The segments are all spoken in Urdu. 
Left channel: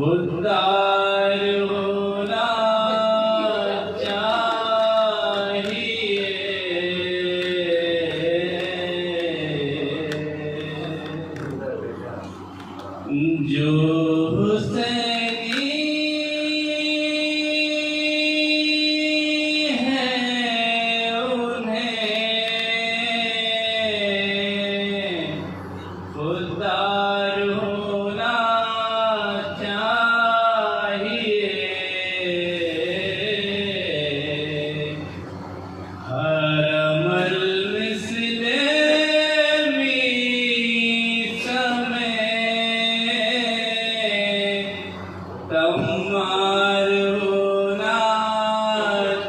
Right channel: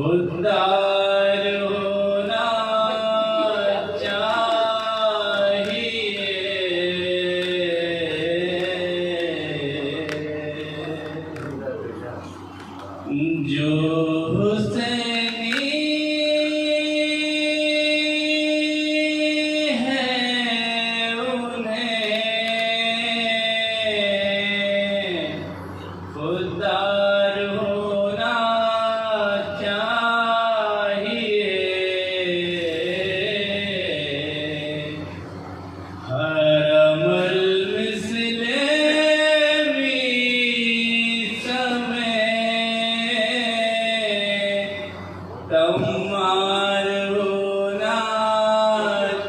خوددار ہونا چاہیے، جو حسینی ہے انہیں خوددار ہونا چاہیے، ہر عمل مثل میث میں تمہار ہونا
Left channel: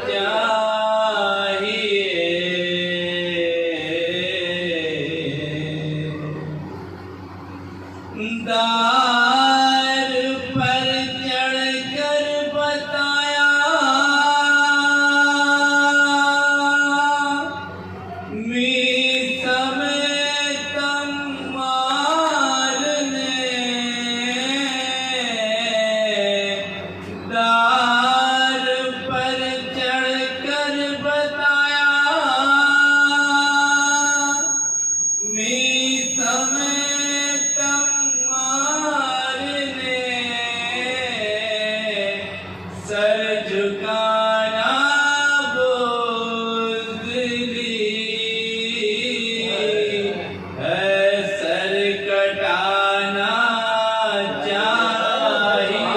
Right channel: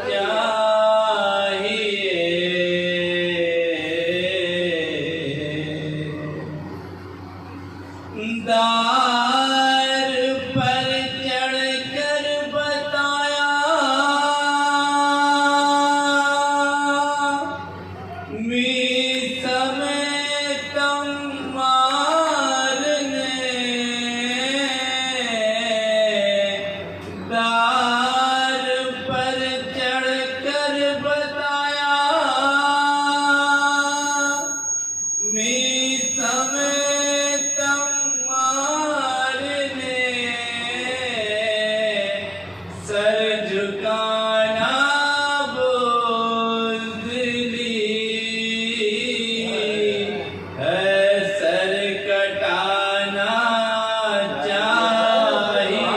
چاہیے، دار پر چڑھ کر بتایا میث میں تمہار نے، دار پر چڑھ کر بتایا میث میں تمہار نے، سر جھکانا بزدلی ہے، سر کٹانا چاہیے،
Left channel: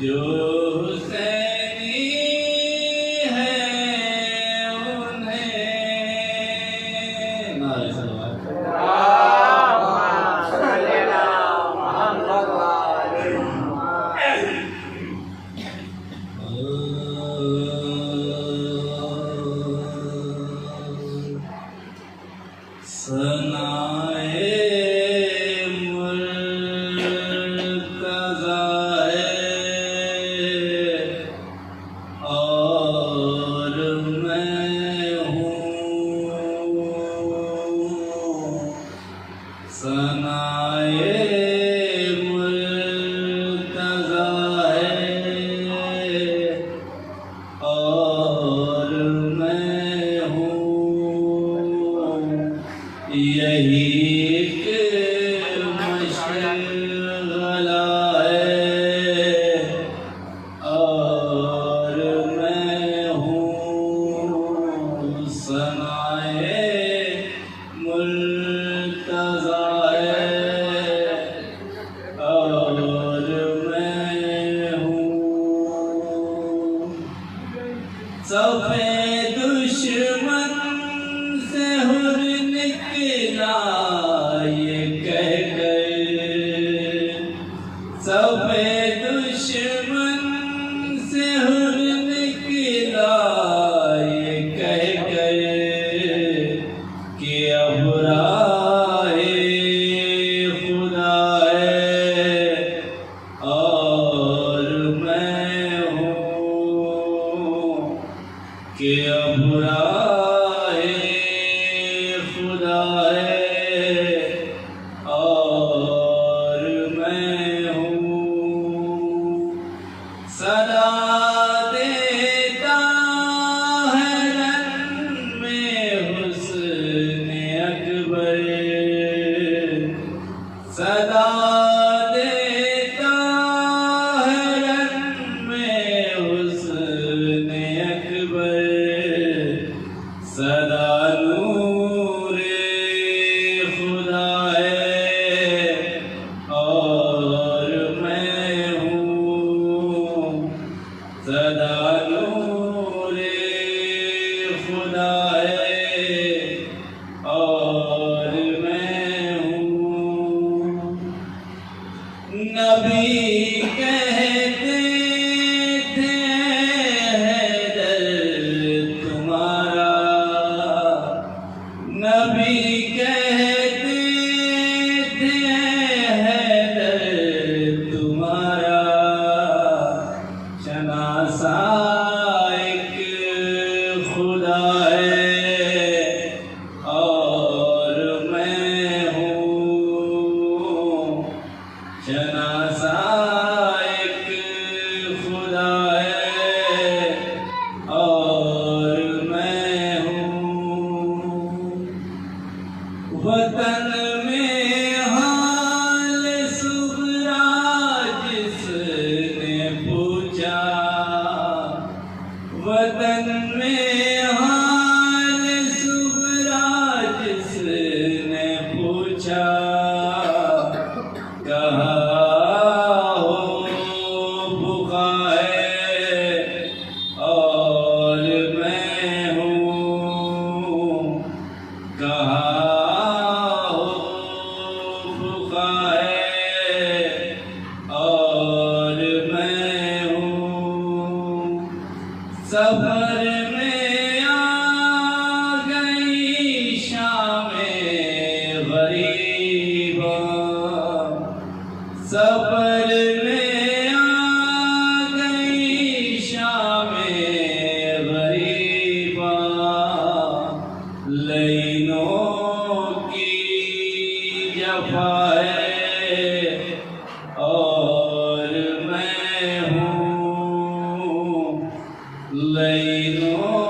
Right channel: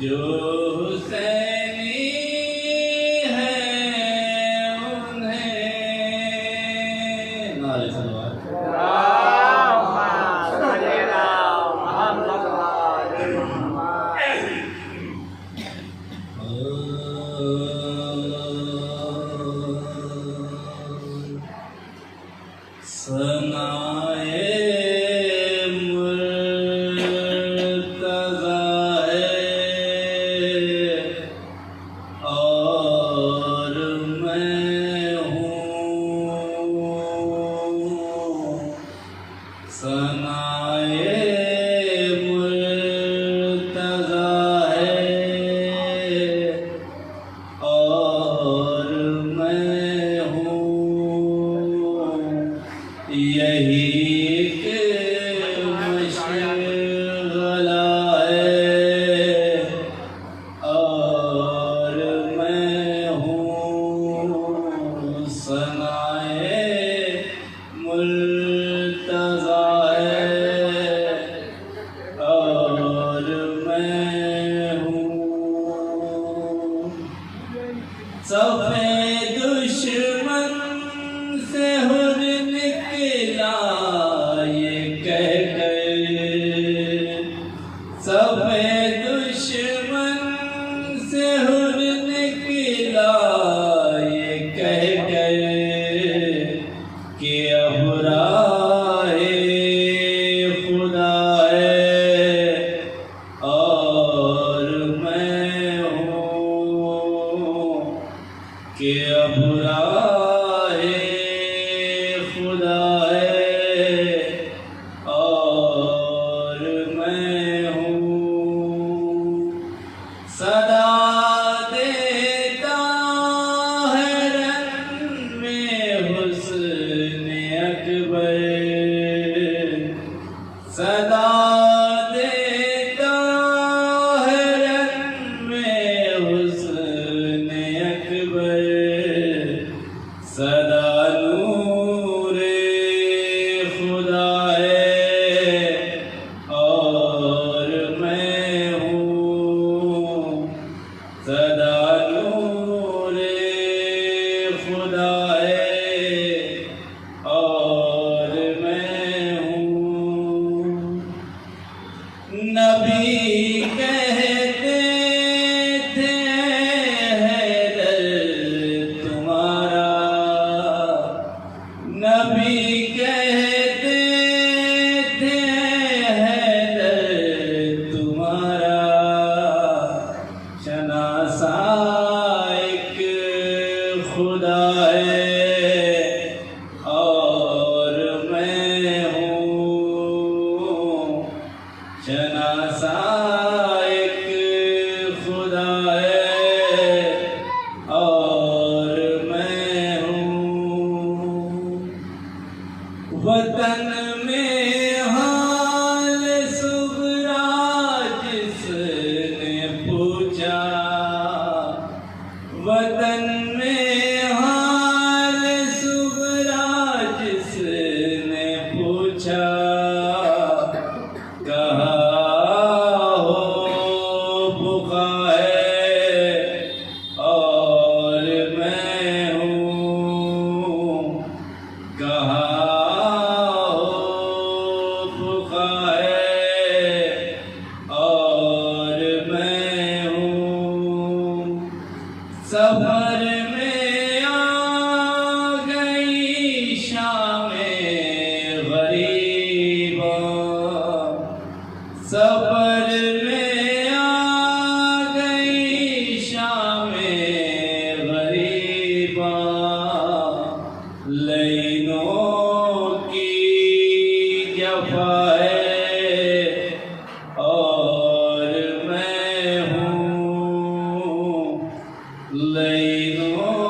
جو حسینی ہے انہیں نعرہ صلوات۔ ثنائے مرتضیٰ ہے اور میں ہوں، ثنائے مرتضیٰ ہے اور میں ہوں، یہی ایک مشغلہ ہے اور میں ہوں، ثنائے مرتضیٰ ہے اور میں ہوں، صفِ دشمن سے حر نکلا یہ کہہ کر، صفِ دشمن سے حر نکلا یہ کہہ کر کہ اب راہ خدا ہے اور میں ہوں، کہ اب راہ خدا ہے اور میں ہوں، صدا دیتا ہے رن میں حسن اکبر، صدا دیتا ہے رن میں حسن اکبر، صدا نور خدا ہے اور میں ہوں، صدا نور خدا ہے اور میں ہوں، نبی کہتے تھے حیدر تمہارا، نبی کہتے تھے حیدر تمہارا، شناسا ایک خدا ہے اور میں ہوں، وطن میں حال صغرا جس نے پوچھا، وطن میں حال صغرا جس نے پوچھا، کہا ہو بقا ہے اور میں ہوں، کہا سفر میں آ گئی شام غریباں، سفر میں آ گئی شام غریباں، لینوں کی جفا ہے اور میں ہوں، لینوں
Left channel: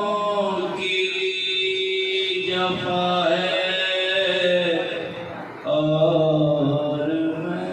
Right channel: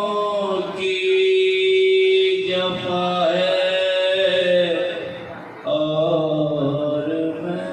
کی جفا ہے اور میں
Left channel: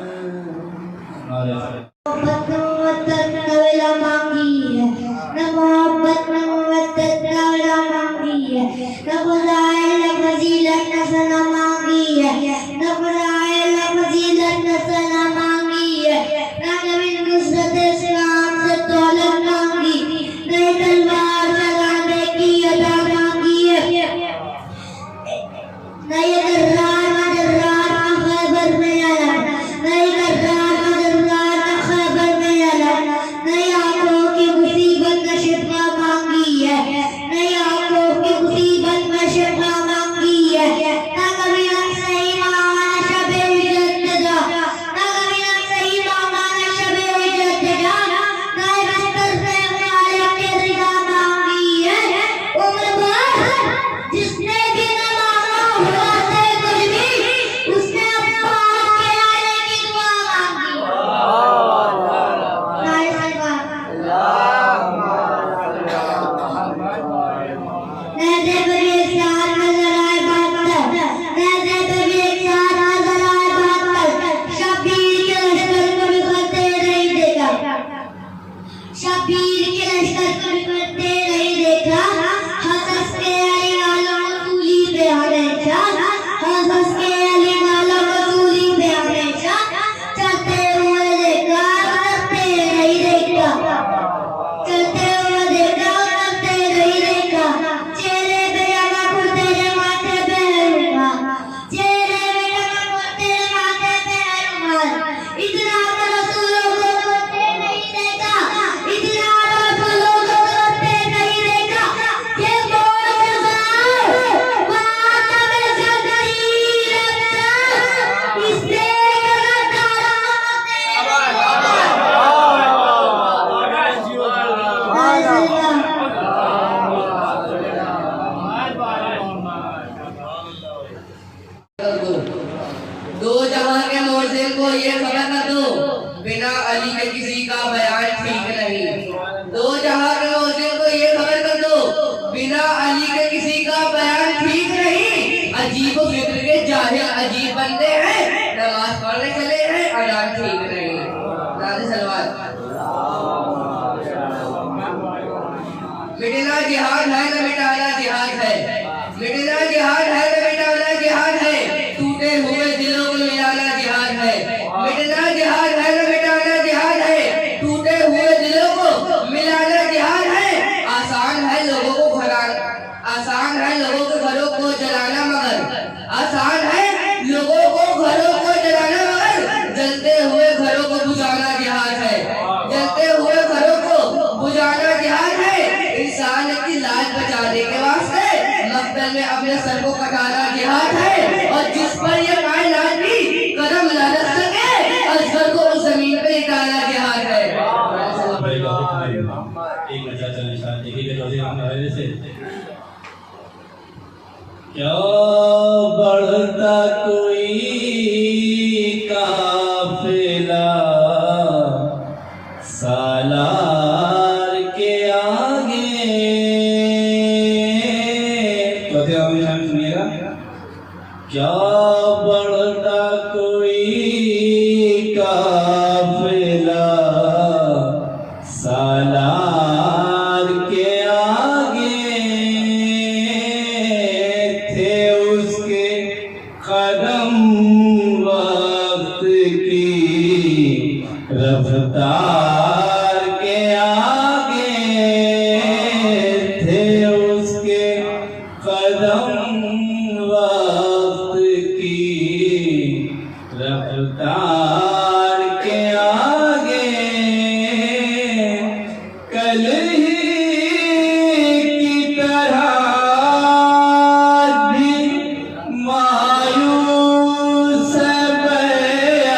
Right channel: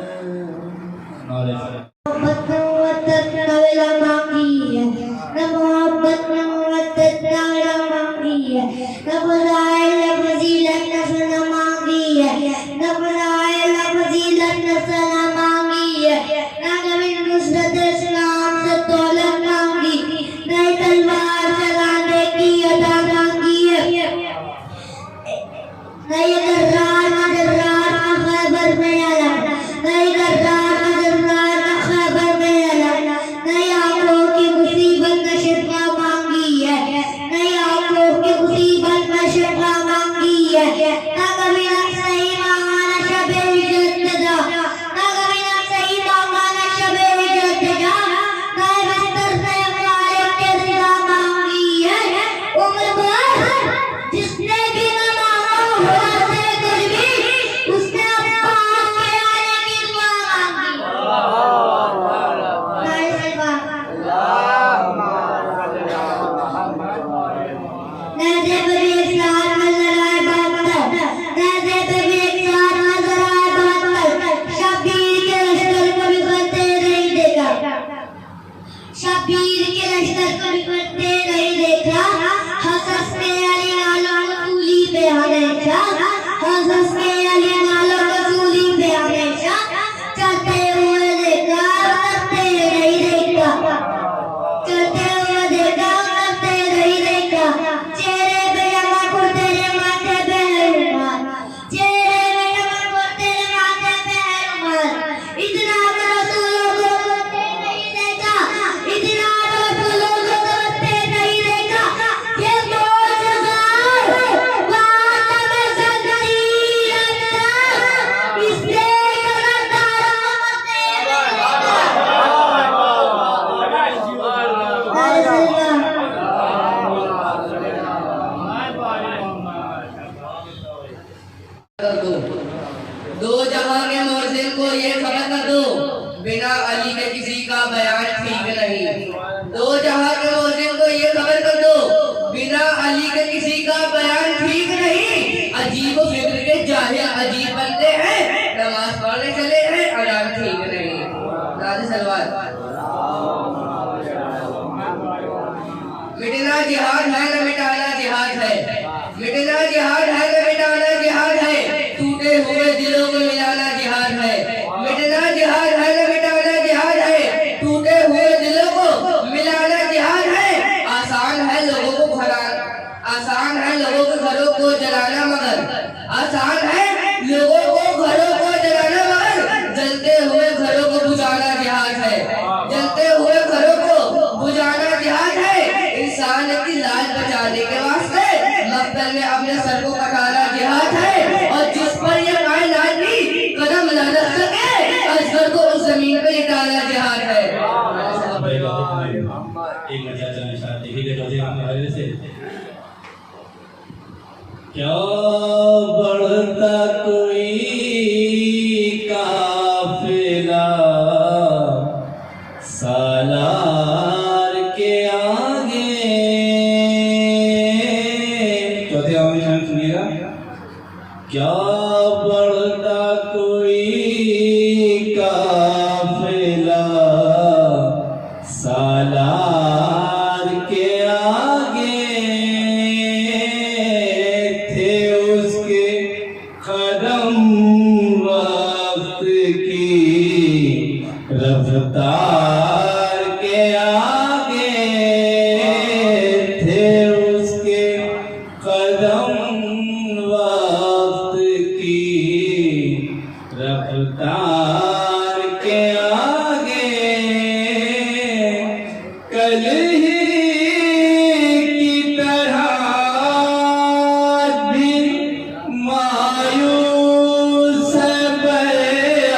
دو جہاں کے موزن کو یہ خبر کر دو، بنا علی کے کسی کا بیان ٹھیک نہیں۔ دو جہاں کے موزن کو یہ خبر کر دو، بنا علی کے کسی کا بیان ٹھیک نہیں۔ عجیب و فکر کے جاہل عجیب بنتے ہیں، نماز پڑھنے چلے ہیں اذان ٹھیک نہیں۔ نعرہ صلوات۔ مٹنا جہاد ہے نہ مٹانا جہاد ہے، مٹنا جہاد ہے نہ مٹانا جہاد ہے، ٹوٹے ہوئے دلوں کو ملانا جہاد ہے۔ مٹنا جہاد ہے نہ مٹانا جہاد ہے، ٹوٹے ہوئے دلوں کو ملانا جہاد ہے۔ آسان ہے لوگوں کو گھرانا، آسان ہے لوگوں کے گھروں کو جلانا، مگر آسان ہے لوگوں کو گھروں کو جلانا، مگر جلتے ہوئے گھروں کو بجھانا جہاد ہے، جلتے ہوئے گھروں کو بجھانا جہاد ہے۔ انسان کی لاش بچانے کے واسطے مقتل میں اپنے سر کو کٹانا جہاد ہے، اور جس پر یہ کائنات بھی قدم نہ رکھ سکے اصغر کو اس زمین پہ لٹانا جہاد ہے۔ ایک بچہ چلے شاید دیکھیں گے روزے ہم نے سے کیا بڑھتا کوئی قافلہ سالار کے آگے۔ تو ہمیں سنیے گا کیا بڑھتا کوئی قافلہ سالار کے آگے، تھے اس کے قدم وقت کی رفتار کے آگے، تھے اس کے قدم وقت کی رفتار کے آگے، کل ہی کی طرح بھی مایوس بیات،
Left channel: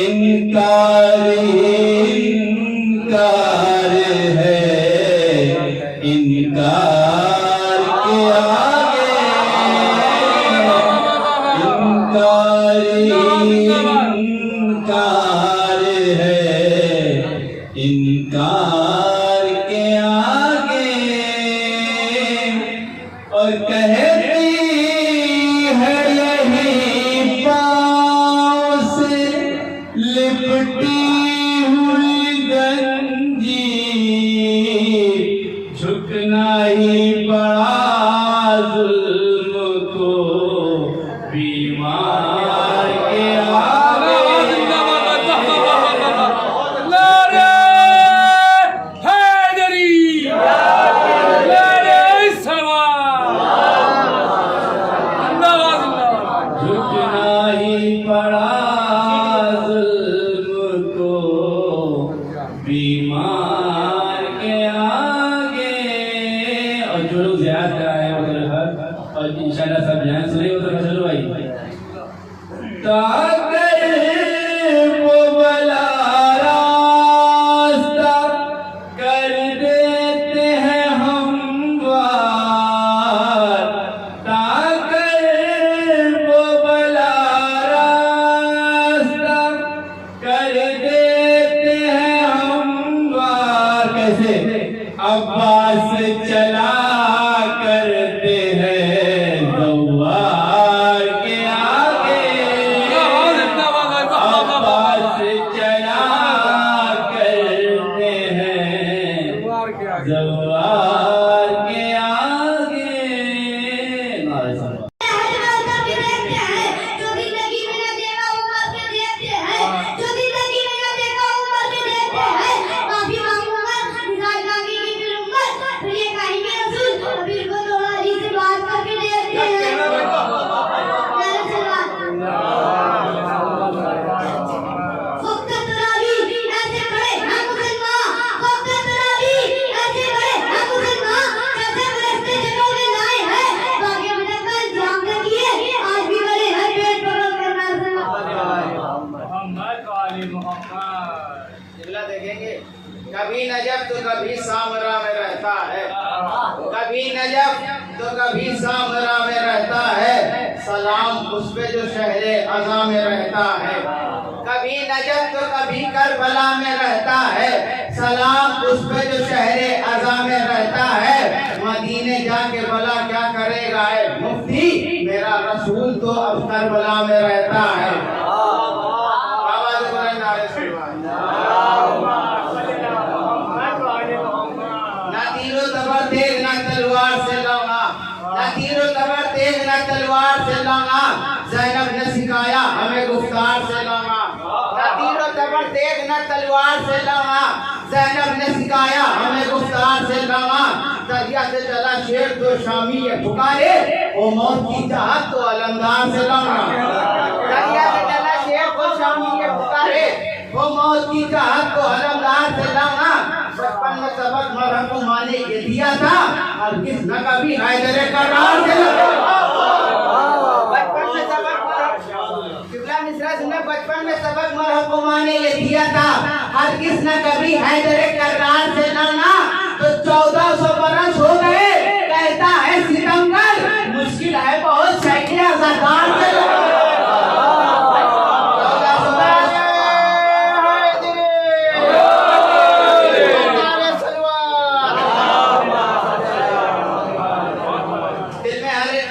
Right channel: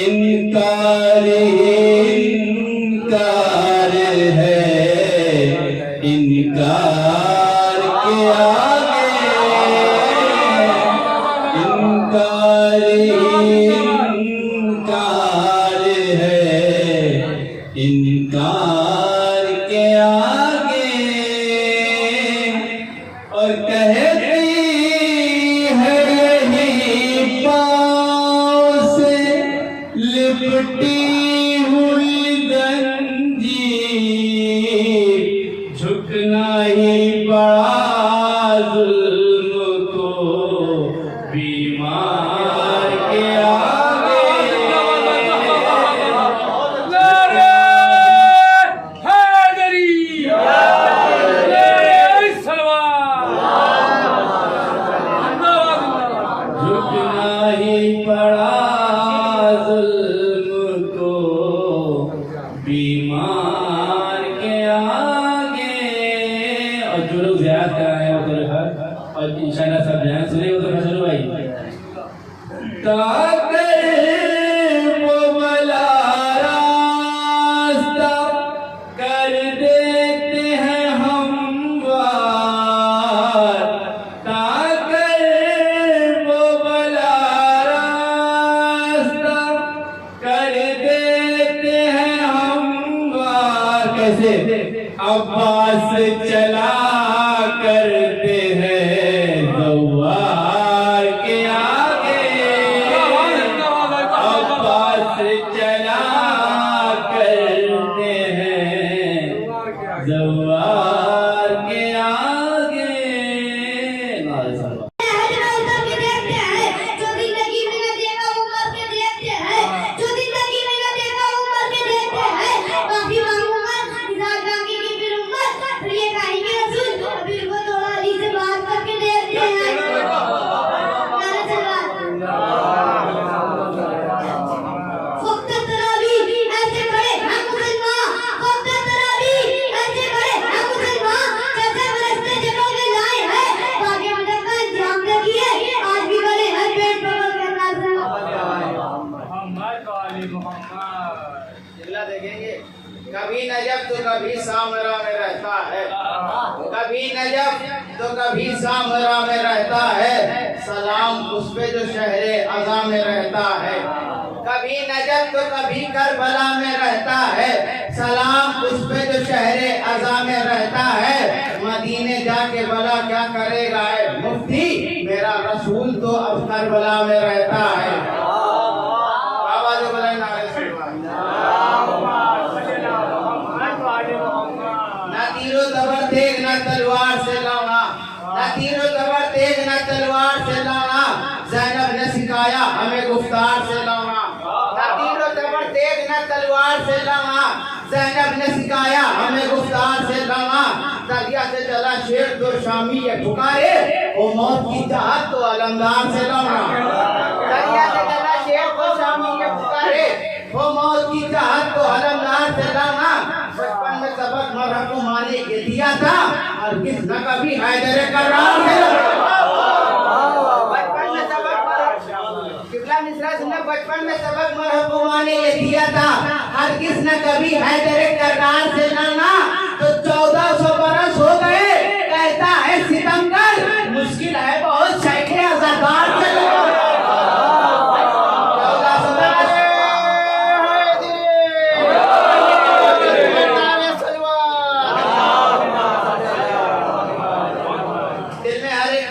انکار ہے انکار کے آگے، انکار ہے انکار کے آگے، اور کہتی ہے یہی پاؤں سے لپٹی ہوئی زنجیر، جھکنا ہی پڑا ظلم کو بیمار کے آگے۔ جھکنا ہی پڑا ظلم کو بیمار کے آگے۔ اور جو لوگ زیاد کرائے ہیں وہ اور انشاءاللہ سب جائیں سنے ہو تو چلو بھائی، تاکر وہ بلا راستہ کر دیتے ہیں ہموار، تاکر وہ بلا راستہ کر دیتے ہیں ہموار۔ کیسے؟ عباس چلا کرتے ہیں دوار کے آگے، عباس چلا کرتے ہیں دوار کے آگے۔ نعرہ صلاح۔ اگلا دیکھیں گے، کبھی نجف تو کبھی سامرا میں رہتا ہے، کبھی نجف تو کبھی سامرا میں رہتا ہے، سلام اس پہ جو شہر عزا میں رہتا ہے۔ کبھی نجف تو کبھی کربلا میں رہتا ہے، سلام اس پہ جو شہر عزا میں رہتا ہے۔ مدینے جا کے بلا کیا کرے گا اے مفتی، میرا رسول تو اب کربلا میں رہتا ہے۔ آواز بلند نعرہ سلوات۔ نہ تیر و تبر تیز نہ تلوار سے لونا، نہ تیر و تبر تیز نہ تلوار سے لونا، زینب نے سکھایا ہمیں گفتار سے لونا۔ نہ تیر و تبر تیز نہ تلوار سے لونا، زینب نے سکھایا ہمیں گفتار سے لونا۔ دریا سے چلا شیر تو شامی یہ پکارے، وہ موت کی چاہت تو علمدار سے لونا۔ دریا سے چلا شیر تو شامی یہ پکارے، وہ موت کی چاہت تو علمدار سے لونا۔ بچپن میں سبق مرحم کو مانے کے دیا تھا، اور کس نہ کبھی حیدر کرار سے بچپن میں سبق مرحم قبلہ مصرع سننے، بچپن میں سبق مرحم کو مانے یہ دیا تھا، ہر کس نہ کبھی حیدر کرار سے لڑنا۔ تو 1400 برس ہو گئے کہتا ہے ستمگر، مشکل ہے بہت شیخ عزادار سے لڑنا۔ 1400 برس دل میں ہر ایک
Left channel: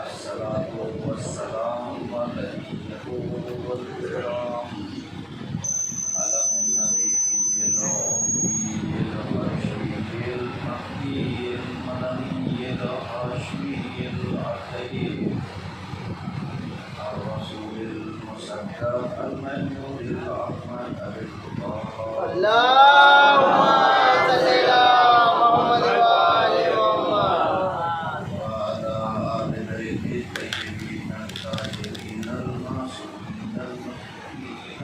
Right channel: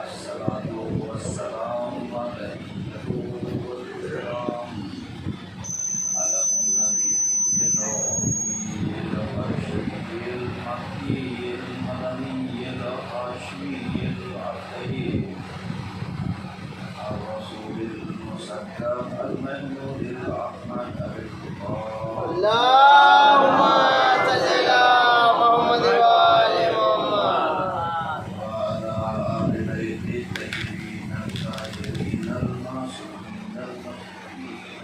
الصلاة والسلام الملائكة والكرام على النبي الأمي الرشيد المكي المدني الهاشمي الأخير الرسول المصدق المنور الأحمد أبي الخطاب اللهم صل على محمد وعلى وعلى آل بيته الطيبين الطاهرين المعصومين المخلوقين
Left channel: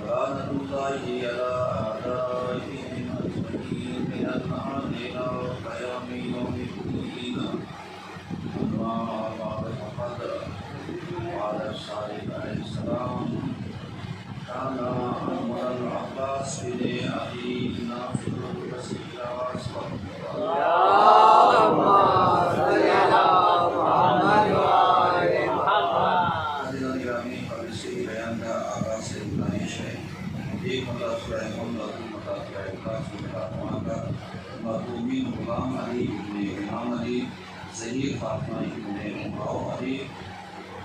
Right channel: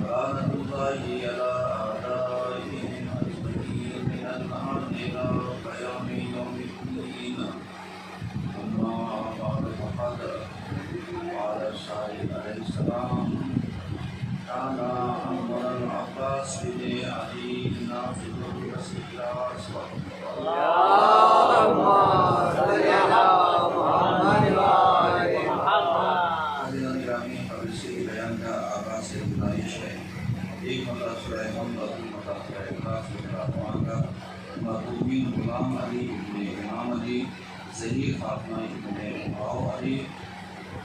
لعنة الله على أعدائهم أجمعين من الآن إلى قيام يوم الدين أما بعد فقد قال الصادق عليه السلام كان عمر العباس بن أبي نافع كثيرا اللهم صل على محمد وعلى حضرات گرامی قبل سے بیان کا آغاز سے گزارش ہے ایک مطلب سورہ محمد مطلب سورہ اخلاص کے خاتمہ کا مرحومین غلام علی ابن امام علی ظہیر فاطمہ ابن ماؤ علی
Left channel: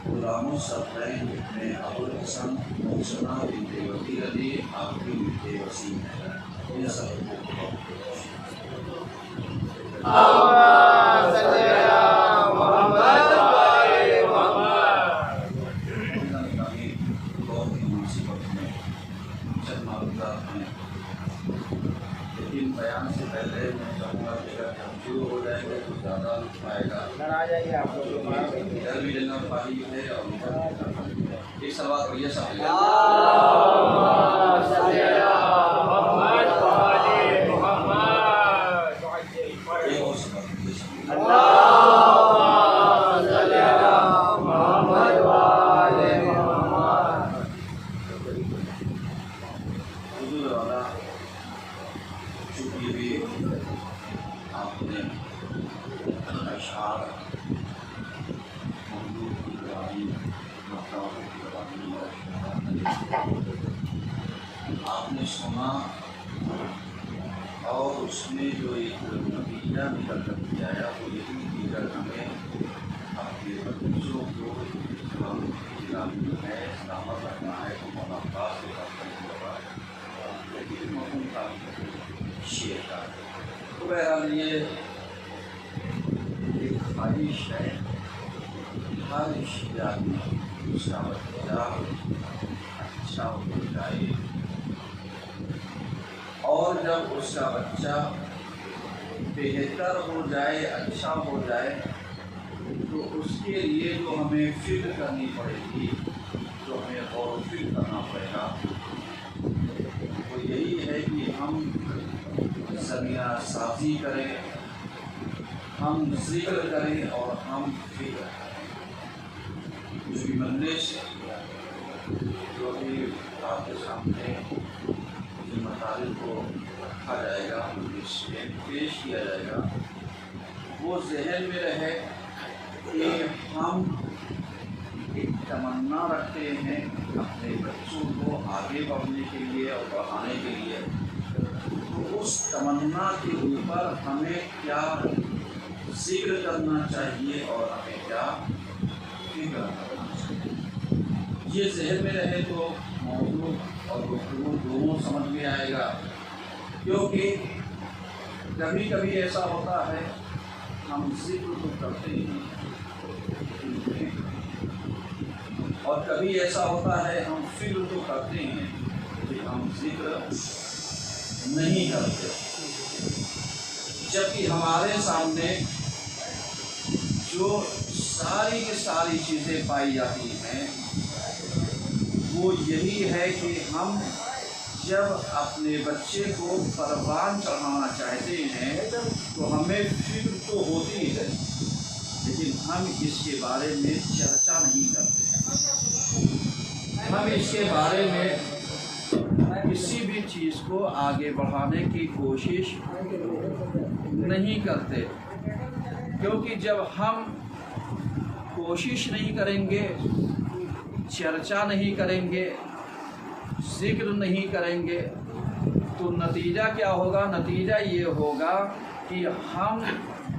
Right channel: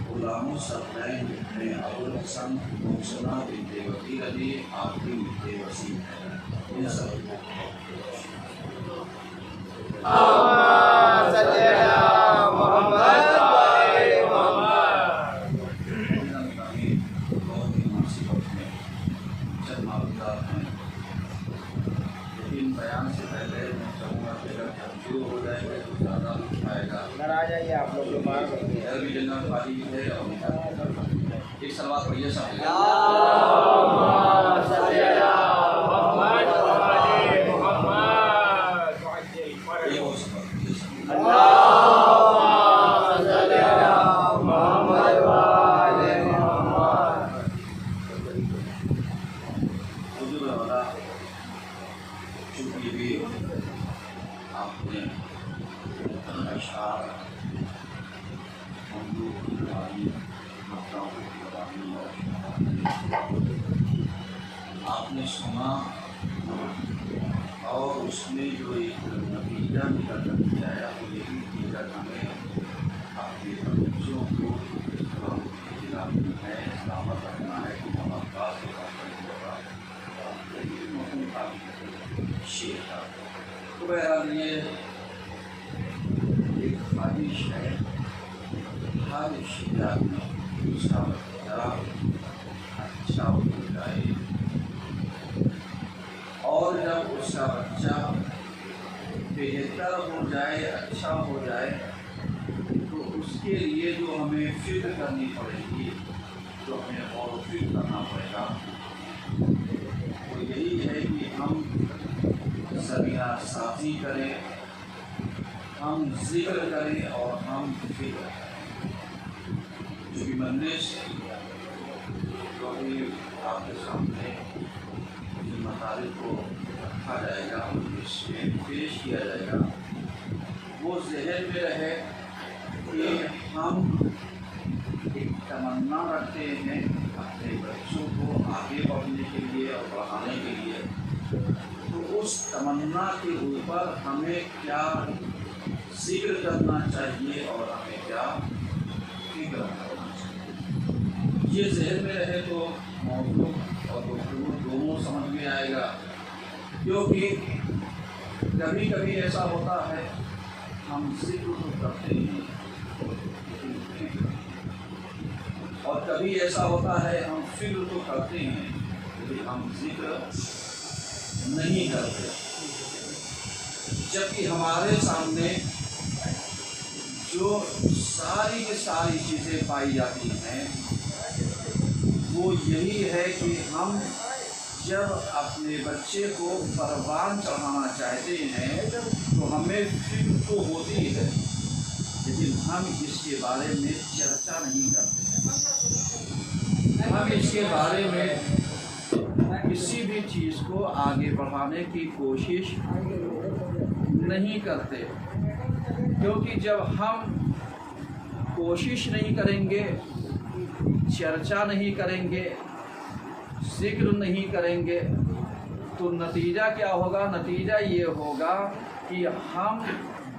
غلام الصفین ابن ابو الحسن محسنہ بنت وکیل علی آخری بنت وسیم ہے ان سب کو اللهم صل على محمد وعلى محمد بہت ہی مناسبت میں چند معلومات ہیں لیکن بیان سے پہلے میں چاہوں گا کہ اگر ہم شروع ہو جائیں گے تو زیادہ لطف آئے گا آ جائیے آپ لوگ ادھر بھی جگہ خالی ہے اور ادھر بھی جگہ خالی ہے ایک سلوات پڑھیے سب اللهم صل على محمد وعلى محمد ایک اور سلوات پڑھیے سب اللهم صل على محمد وعلى محمد حضور والا چونکہ بھی آپ نے اشعار مملوک کی گواہی مکتاؤں کی گواہی آپ نے سنا اور اس میں جو ایک نتیجہ نکل کر کے آیا وہ یہی نتیجہ ہمیں اپنے بچوں کو اسلام کی ہے سلامت رکھنا ہے کہ مولانا عباس کے پاس شیر کا تو بہرحال یہ ایک خواہش ہے ہر اشتہار میں اس کا بچہ اچھا ہو جائے اور جب اس کا بچہ بہتر ہو جائے اچھا ہو جائے تو اس کے لیے جو ہمیں فکر کرنی پڑے گی جو ہمیں غور و فکر کرنا پڑے گا وہ یہی ہے کہ ہم زمینہ سازی کریں ہم ذکر کریں اور ہم فکر کریں جو بھی مجلس جو بھی آپ کے سامنے جن مطالب کو رکھا جائے گا مجلس میں پیش کیا جائے گا وہ ذہن میں رہے کہ ہم ایک تمنا رکھتے ہیں اپنے بچوں کو آگے بڑھنے کے لیے اور بڑھانے کے لیے تو اس تمنا کے اوپر ہمیں کیا ذکر کرنا چاہیے اور ہمیں کیا فکر کرنا چاہیے یہ ذہن میں رہے تو موضوع اور گفتگو دونوں سمجھ میں آئے گا کیونکہ کبھی کبھی ایسا ہوتا ہے ہم ذکر تو کرتے ہی ہیں اور کبھی ایسا ہوتا ہے ہم فکر تو کرتے ہیں لیکن ہم ذکر نہیں کرتے جبکہ ہمارے سامنے جو ساری کی ساری چیزیں پائی جاتی ہیں وہ یہی ہے کہ ہم جب اپنے بچے کو پروان چڑھانا چاہتے ہیں تو ہمیں فکر تو ہوتی ہے لیکن ہم اس کے بارے میں چرچا نہیں کرتے ہم اس کے بارے میں کسی بھی چیز کو آگے بڑھانے کی کوشش نہیں کرتے کیونکہ جب ہم کوشش نہیں کریں گے چرچا نہیں کریں گے ذکر نہیں کریں گے تو نتیجہ کیا ہوگا؟ نتیجہ یہ ہوگا کہ ہم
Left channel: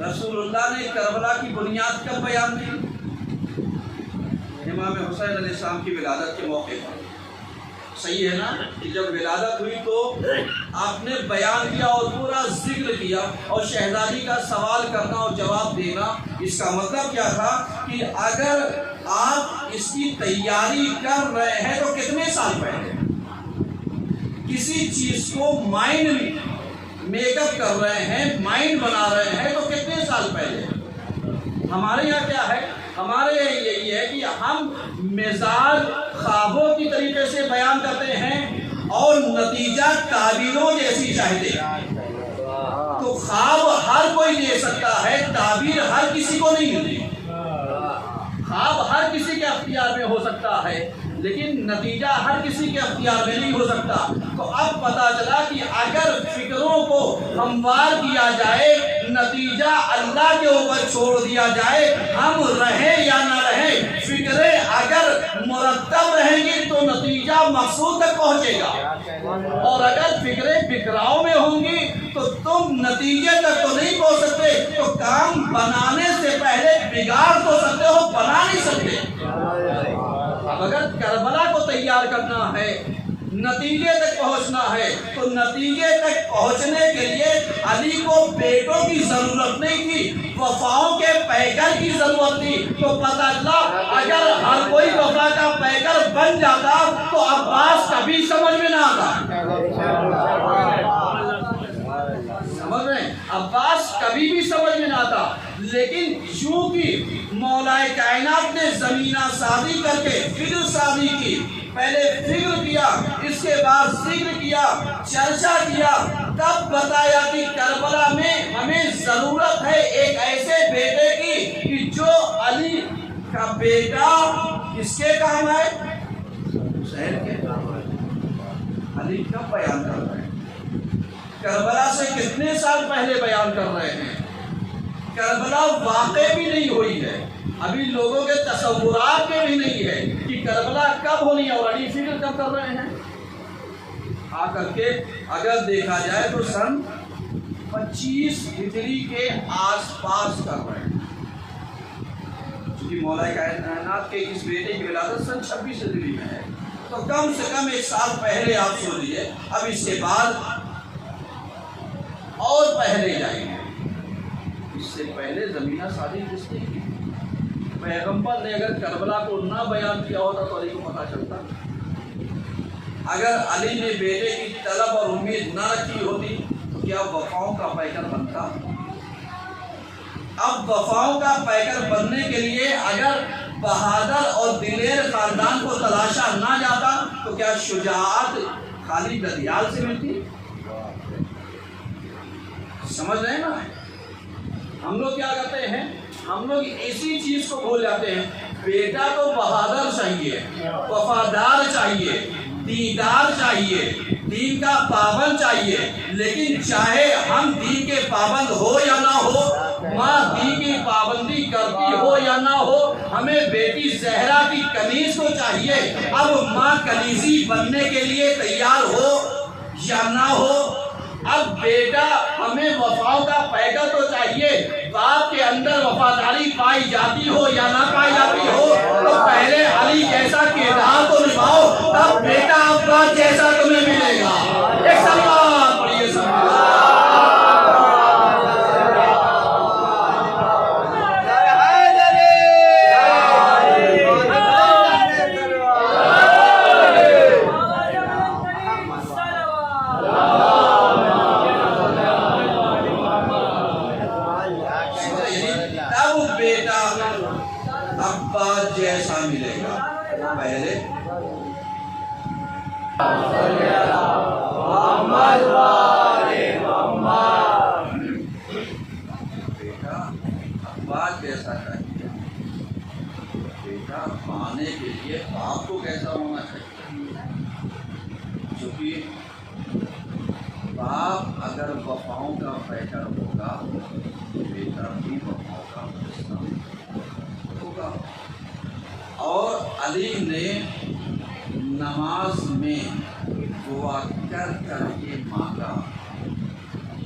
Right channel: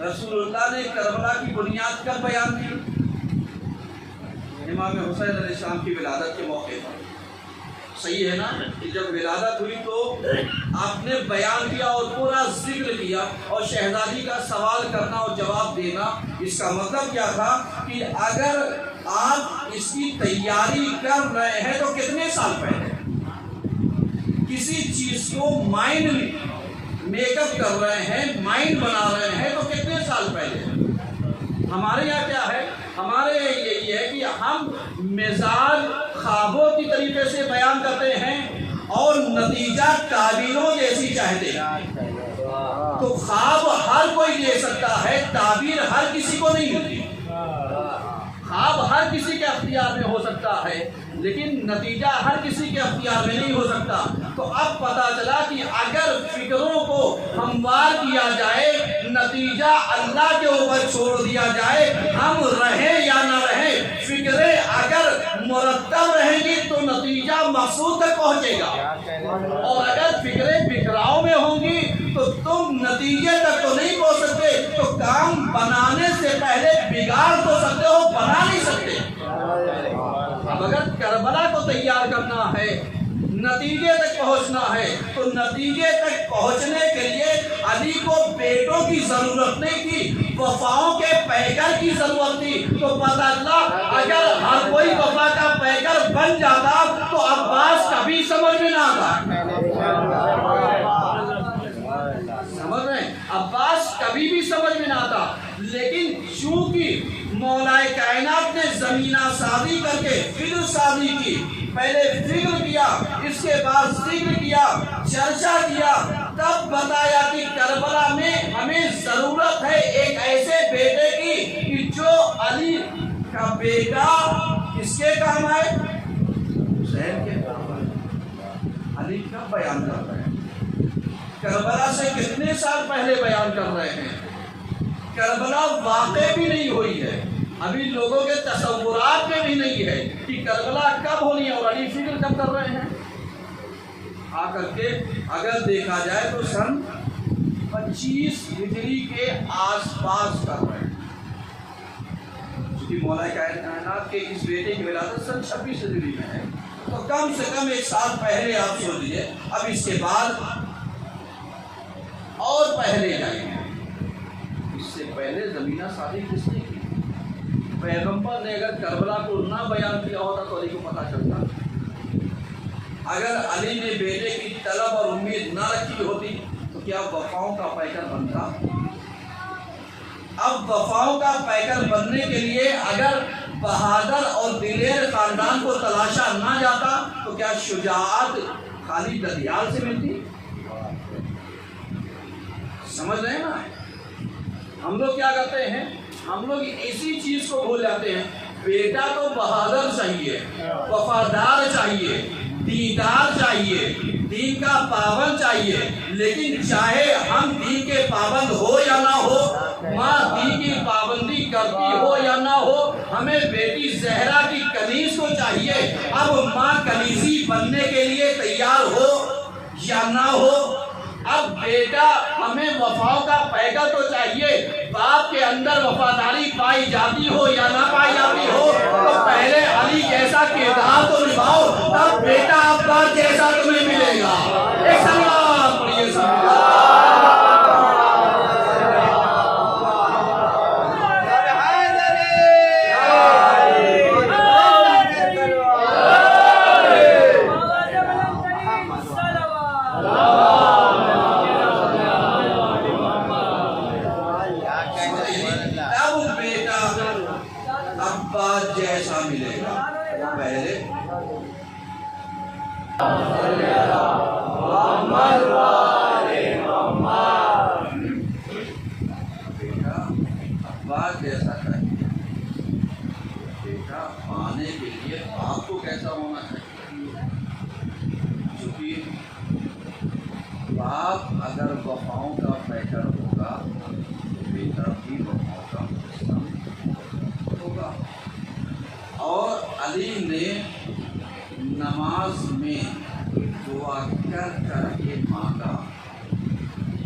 رسول اللہ نے کربلا کی بنیاد کب بیان کی؟ امام حسین علیہ السلام کی ولادت کے موقع پر. صحیح ہے نا کہ جب ولادت ہوئی تو آپ نے بیان کیا اور پورا ذکر کیا, اور شہزادی کا سوال کرنا اور جواب دینا, اس کا مطلب کیا تھا کہ اگر آپ اس کی تیاری کر رہے ہیں تو کتنے سال پہلے کسی چیز کو مائنڈ میک اپ کر رہے ہیں, مائنڈ بنا رہے ہیں, تو کتنے سال پہلے. ہمارے یہاں کیا ہے, ہمارے یہاں یہی ہے کہ ہم مزاج خوابوں کی طریقے سے بیان کرتے ہیں اور نتیجہ تعبیروں جیسی چاہتے ہیں. تو خواب ہر کوئی دے سکتا ہے, تعبیر ہر کسی کو نہیں ملتی. خواب ہر کسی کے اختیار میں ہو سکتا ہے, لیکن نتیجہ ہر کسی کے اختیار میں نہیں ہو سکتا. تو اب پتا چلا کہ اگر فکروں کو ہموار کیا جائے, نتیجہ اللہ کے اوپر چھوڑ دیا جائے, ہم رہیں یا نہ رہیں, فکریں اگر مرتب رہیں گی تو نتیجہ مقصود تک پہنچے گا, اور اگر فکریں بکھراؤ میں ہوں گی تو تم نتیجے تک تو نہیں پہنچ سکتے. تو کام بنانے سے پہلے بگاڑ تو سکتے ہو, بنا نہیں سکتے. اب اگر کربلا کو تیار کرنا ہے, نتیجے تک پہنچنا ہے, تو نتیجے تک پہنچنے کے لیے علی کو بیٹوں کی ضرورت نہیں تھی, وفاؤں کے پیکر کی ضرورت تھی. تو پتہ چلا اگر ہر کوئی وفا کا پیکر بن جاتا تو عباس کبھی سمجھ میں نہ آتا. سمجھ رہے ہیں, عباس کبھی بھی سمجھ میں نہ آتا. لیکن چونکہ مولا کائنات نے زمینہ سازی کر کے فکر سازی کی, پہلے فکر کیا, اس کے بعد ذکر کیا, چرچا کیا, تب بتایا کہ کربلا میں ہمیں ضرورت ہے ایک ایسے بیٹے کی کہ جو علی کا بیٹا کس کے کام ہے, حسین کے کام ہے. علی کب بیان کر رہے ہیں, کربلا سے کتنے سال پہلے بیان کر رہے ہیں. کربلا واقع بھی نہیں ہوئی ہے, ابھی لوگوں کے تصورات میں بھی نہیں ہے کہ کربلا کب ہونی ہے, اور علی فکر کب کر رہے ہیں. آ کر کے اگر دیکھا جائے تو سن 25 ہجری کے آس پاس کر رہے ہیں, کیونکہ مولا کائنات کے اس بیٹے کی ولادت سن 26 ہجری میں ہے. تو کم سے کم ایک سال پہلے آپ سوچ لیجیے. اب اس کے بعد اور پہلے جائیں گے, اس سے پہلے زمینہ سازی کس نے کی. پیغمبر نے اگر کربلا کو نہ بیان کیا ہوتا تو علی کو پتہ چلتا. اگر علی نے بیٹے کی طلب اور امید نہ رکھی ہوتی تو کیا وفاؤں کا پیکر بنتا. اب وفاؤں کا پیکر بننے کے لیے اگر بہادر اور دلیر خاندان کو تلاشا نہ جاتا تو کیا شجاعت خالی ددیال سے ملتی. سمجھ رہے ہیں نا, ہم لوگ کیا کرتے ہیں, ہم لوگ ایسی چیز کو بھول جاتے ہیں. بیٹا تو بہادر چاہیے, وفادار چاہیے, دیندار چاہیے, دین کا پابند چاہیے. لیکن چاہے ہم دین کے پابند ہو یا نہ ہو, ماں دین کی پابندی کرتی ہو یا نہ ہو, ہمیں بیٹی زہرا کی کنیز کو چاہیے. اب ماں کنیزی بننے کے لیے تیار ہو یا نہ ہو, اب بیٹا ہمیں وفاؤں کا پیکر تو چاہیے. باپ کے اندر وفاداری پائی جاتی ہو یا نہ پائی جاتی ہو, تو پہلے علی جیسا کردار تو نبھاؤ, تب بیٹا عباس جیسا تمہیں ملے گا. ایک سلام پڑھیے عباس جیسا ملے گا. پہلے بیٹا عباس جیسا چاہیے. بیٹا پانے کے لیے باپ کو کیسا ہونا چاہیے, کیونکہ باپ اگر وفاؤں کا پیکر ہوگا تو بیٹا بھی وفاؤں کا ہوگا. اور علی نے نماز میں دعا کر کر کے مانگا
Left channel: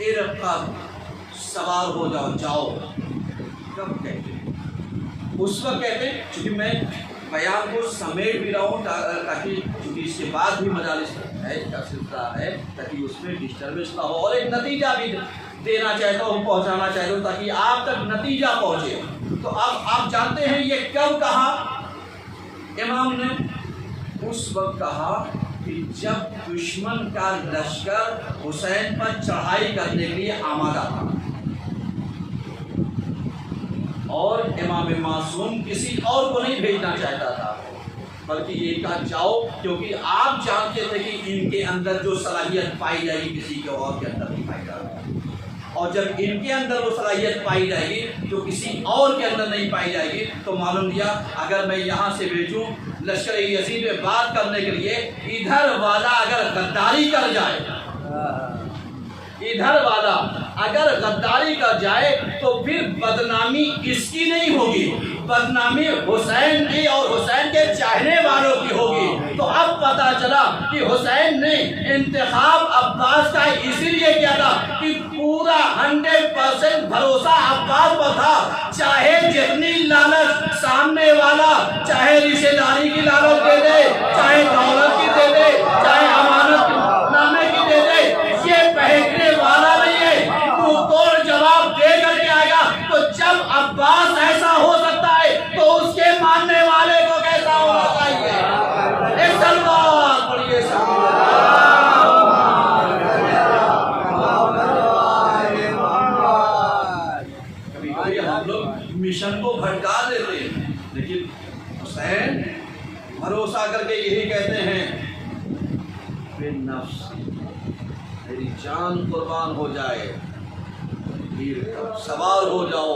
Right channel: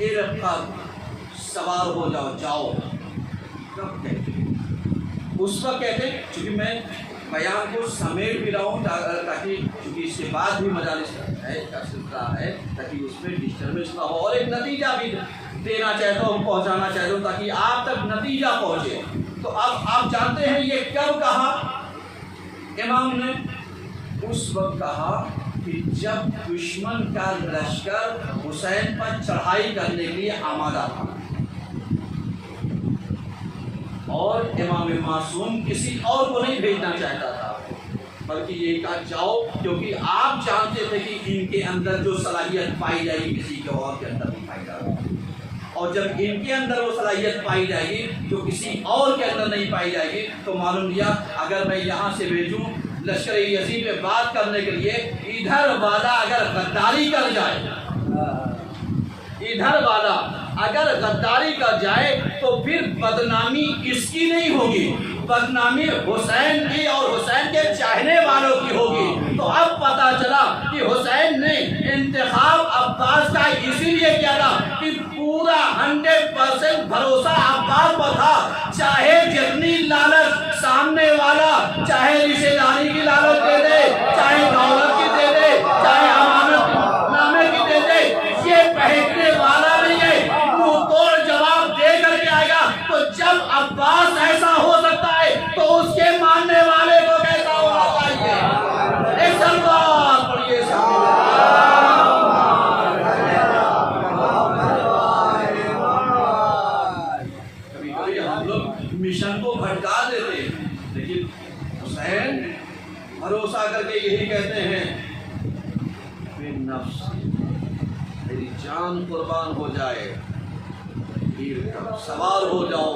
ارقب سوار ہو جاؤ جاؤ، کب کہتے ہیں؟ اس وقت کہتے ہیں، چونکہ میں بیان کو سمیٹ بھی رہا ہوں تاکہ چونکہ اس کے بعد بھی مجالس ہے کا سلسلہ ہے تاکہ اس میں ڈسٹربنس نہ ہو، اور ایک نتیجہ بھی دینا چاہتا ہوں، پہنچانا چاہتا ہوں تاکہ آپ تک نتیجہ پہنچے۔ تو اب آپ جانتے ہیں یہ کب کہا؟ امام نے اس وقت کہا کہ جب دشمن کا لشکر حسین پر چڑھائی کرنے کے لیے آمادہ تھا، اور امام معصوم کسی اور کو نہیں بھیجنا چاہتا تھا، بلکہ یہ کہا جاؤ، کیونکہ آپ جانتے تھے کہ ان کے اندر جو صلاحیت پائی جائے گی کسی کے اور کے اندر نہیں پائی جائے گی، اور جب ان کے اندر وہ صلاحیت پائی جائے گی جو کسی اور کے اندر نہیں پائی جائے گی، تو معلوم دیا اگر میں یہاں سے بھیجوں لشکر یزید میں بات کرنے کے لیے، ادھر والا اگر غداری کر جائے، ادھر والا اگر غداری کر جائے تو پھر بدنامی اس کی نہیں ہوگی، بدنامی حسین کی اور حسین کے چاہنے والوں کی ہوگی۔ تو اب پتا چلا کہ حسین نے انتخاب عباس کا اسی لیے کیا تھا کہ پورا 100% بھروسہ عباس پر تھا، چاہے جتنی لالچ سامنے والا، چاہے رشتہ داری کی لالچ دے دے، چاہے دولت کی دے دے، چاہے امانت نامے کی دے دے، یہ بہکنے والا نہیں ہے، منہ توڑ جواب دے کر کے آئے گا۔ تو جب عباس ایسا ہو سکتا ہے تو اس کے ماننے والے کو کیسا ہونا چاہیے؟ ایک سلوار پڑھیے کبھی کبھی ہم لوگ مشن کو بھٹکا دیتے ہیں، لیکن حسین بھروسہ کر کے یہی کہتے ہیں، بے نفس میری جان قربان ہو جائے، سوار ہو جاؤ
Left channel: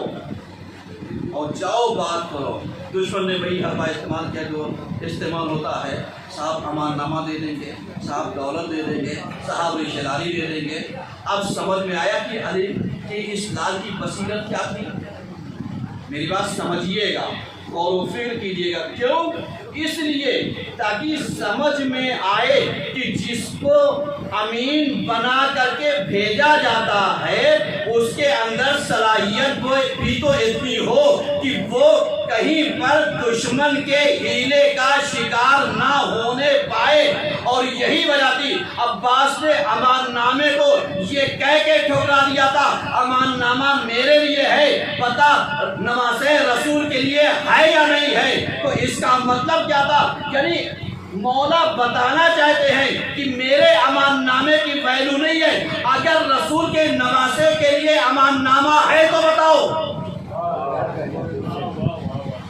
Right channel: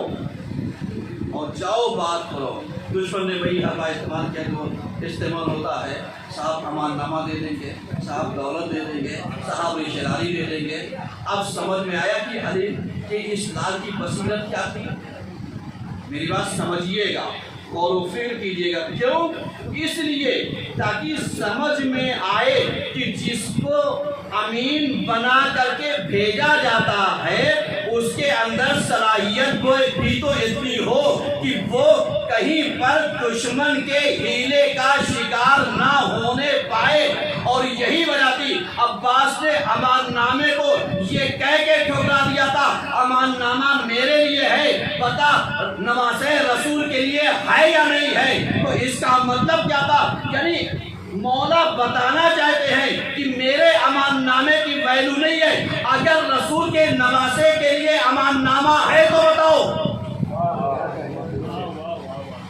اور جاؤ بات کرو۔ دشمن نے وہی حربہ استعمال کیا جو استعمال ہوتا ہے، صاحب امان نامہ دے دیں گے، صاحب دولت دے دیں گے، صاحب رشتہ داری دے دیں گے۔ اب سمجھ میں آیا کہ علی کے اس لال کی بصیرت کیا تھی؟ میری بات سمجھیے گا، غور و فکر کیجیے گا، کیوں؟ اس لیے تاکہ سمجھ میں آئے کہ جس کو امین بنا کر کے بھیجا جاتا ہے اس کے اندر صلاحیت بھی تو اتنی ہو کہ وہ کہیں پر دشمن کے ہیلے کا شکار نہ ہونے پائے۔ اور یہی وجہ تھی عباس نے امان نامے کو یہ کہہ کے ٹھکرا دیا تھا، امان نامہ میرے لیے ہے، پتہ نماز رسول کے لیے ہے یا نہیں ہے۔ تو اس کا مطلب کیا تھا؟ یعنی مولا بتانا چاہتے ہیں کہ میرے امان نامے کی ویلو نہیں ہے، اگر رسول کے نواسے کے لیے امان نامہ ہے تو بتاؤ۔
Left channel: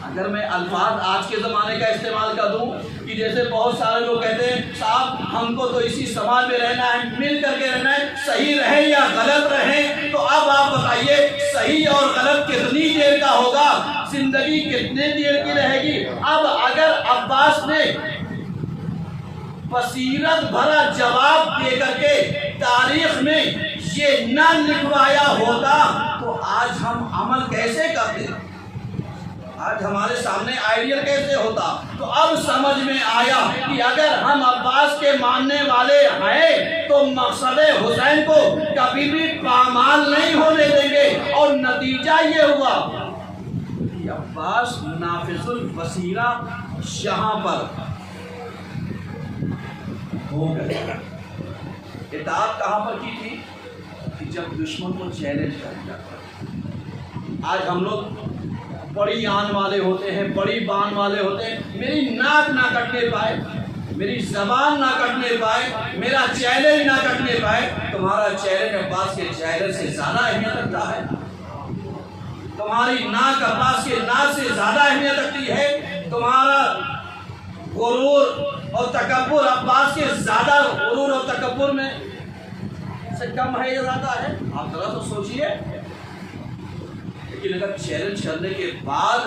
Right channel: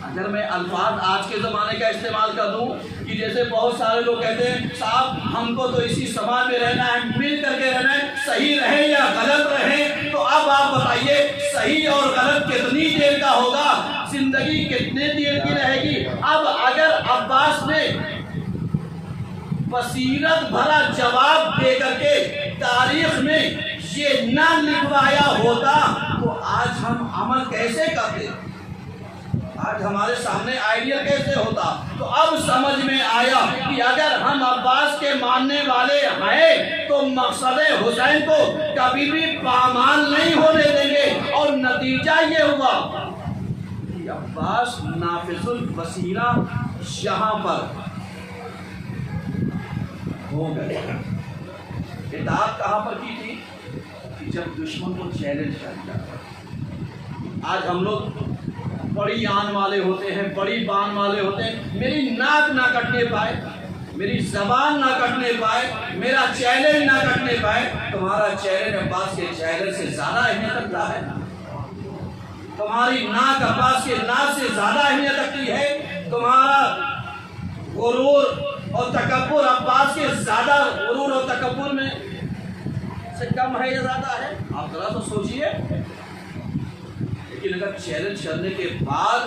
اگر میں الفاظ آج کے زمانے کا استعمال کر دوں کہ جیسے بہت سارے لوگ کہتے ہیں صاحب ہم کو تو اسی سماج میں رہنا ہے، مل کر کے رہنا ہے، صحیح رہیں یا غلط رہیں، تو اب آپ بتائیے صحیح اور غلط کتنی دیر کا ہوگا، زندگی کتنے دیر کی رہے گی؟ اب اگر عباس نے بصیرت بھرا جواب دے کر کے تاریخ میں یہ نہ لکھوایا ہوتا تو آج ہم عمل کیسے کرتے، آج ہمارے سامنے آئیڈیل کیسے ہوتا؟ تو اب سمجھ میں آیا کہ اگر ہم عباس کے ماننے والے ہیں تو مقصد حسین کو کبھی بھی پامال نہیں ہونے دیں گے، اور نتیجہ یہ ہوا کہ عباس نافذ البصیرہ یہاں پر ہو گئے۔ اطاعت کہاں پر کی تھی؟ کہ جب دشمن کو چیلنج کر دیا تھا۔ آج ہم لوگ بڑی آن والے ہوتے ہیں، بڑی بان والے ہوتے ہیں، میری ناک نہ کٹنے پائے، میری زبان نہ کٹنے پائے، میرا چیلنج نہ کٹنے پائے۔ تمہارا چیلنج عباس کے چیلنج سے زیادہ اہمیت رکھتا ہے، تمہاری ناک عباس کے ناک سے زیادہ اہمیت رکھتی ہے، تمہارا غرور اور تکبر عباس کے زیادہ غرور اور تکبر میں سے کم ہے یا زیادہ ہے؟ آپ ذرا تو سوچئے۔ لیکن اگر چیلنج کرنے کے بعد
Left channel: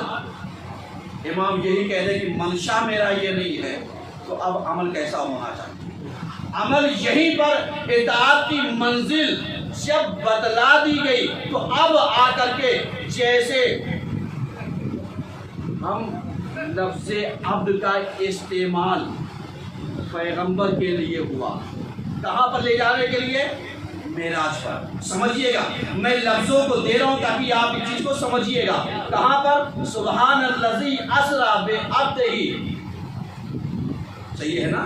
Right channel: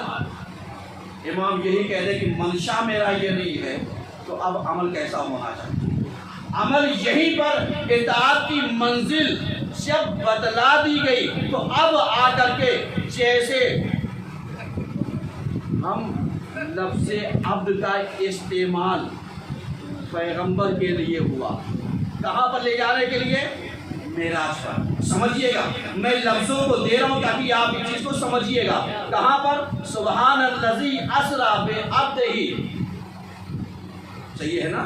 امام یہی کہہ دے کہ منشا میرا یہ نہیں ہے تو اب عمل کیسا ہونا چاہیے؟ عمل یہیں پر اطاعت کی منزل جب بتلا دی گئی تو اب آ کر کے جیسے ہم لفظ عبد کا استعمال پیغمبر کے لیے ہوا، کہاں پر لے جانے کے لیے؟ معراج پر. سمجھیے گا, میں لفظوں کو دے رہا ہوں تاکہ آپ اس چیز کو سمجھیے گا. کہاں پر؟ سبحان الذی اسری بعبدہ. صحیح ہے نا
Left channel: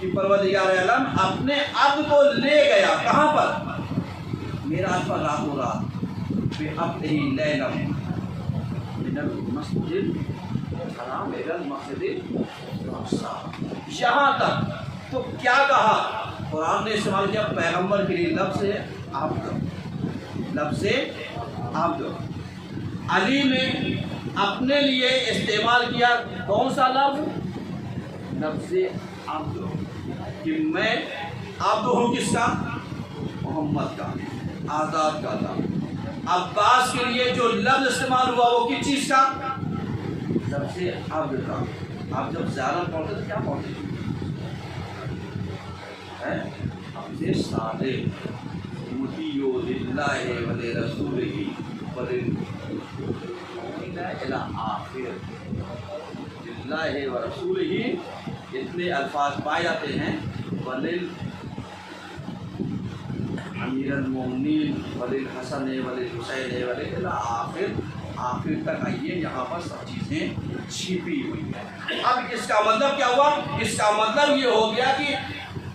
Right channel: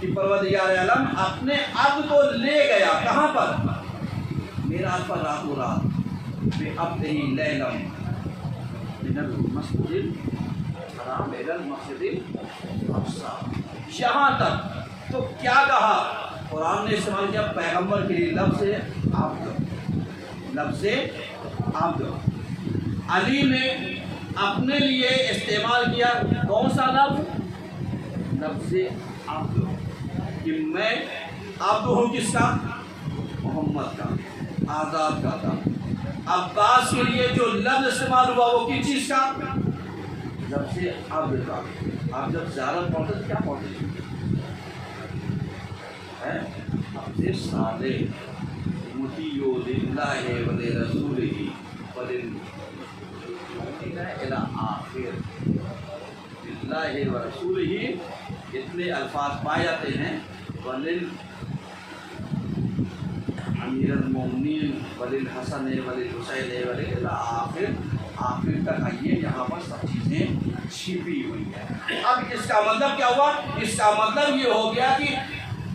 کہ پروردگار عالم اپنے عبد کو لے گیا. کہاں پر؟ معراج پر, راتوں رات. بعبدہ لیلا من المسجد الحرام الی المسجد الاقصی. یہاں تک تو کیا کہا قرآن نے استعمال کیا پیغمبر کے لیے لفظ عبد. لفظ عبد. علی نے اپنے لیے استعمال کیا کون سا لفظ؟ لفظ عبد. کہ میں عبد ہوں کس کا؟ محمد کا, آزاد کا تھا. عباس کے لیے جو لفظ استعمال ہوا وہ کس چیز کا؟ لفظ عبد کا. آپ جب زیارت پڑھتے تو کیا پڑھتے تھے؟ عبد صالح مطیع للہ ولرسولہ وللمؤمنین الی آخر. للہ ورسولہ اتنے الفاظ پائے جاتے ہیں. ولل امیر المومنین وللحسن وللحسین الی آخر. آخر تک آئیے, یہاں پر سب چیزیں چھپی ہوئی ہیں. اب اس کا مطلب کیا ہوا؟ اس کا مطلب یہ ہو گیا کہ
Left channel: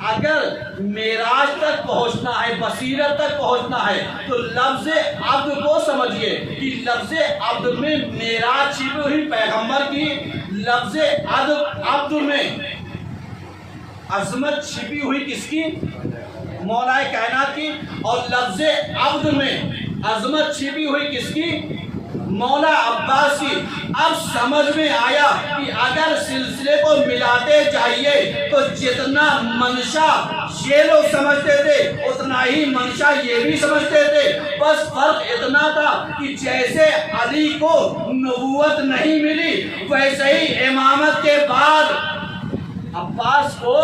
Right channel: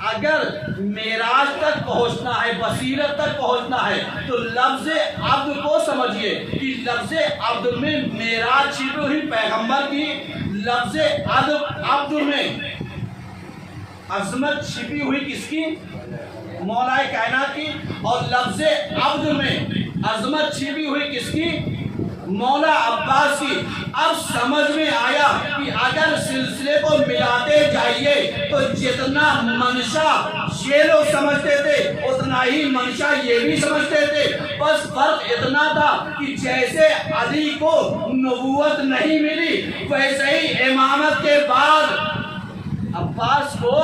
اگر معراج تک پہنچنا ہے, بصیرت تک پہنچنا ہے, تو لفظ عبد کو سمجھیے کہ لفظ عبد میں معراج چھپی ہوئی پیغمبر کی. لفظ عبد میں عظمت چھپی ہوئی کس کی؟ مولا کائنات کی. اور لفظ عبد میں عظمت چھپی ہوئی کس کی؟ مولا عباس کی. اب سمجھ میں آیا کہ اگر سلسلے کو ملاتے جائیے تو جتنا منشا یہ لوگ سمجھتے تھے اتنا ہی منشا یہ بھی سمجھتے تھے. بس فرق اتنا تھا کہ جیسے علی کو نبوت نہیں ملی ویسے ہی امامت کے بعد عباس کو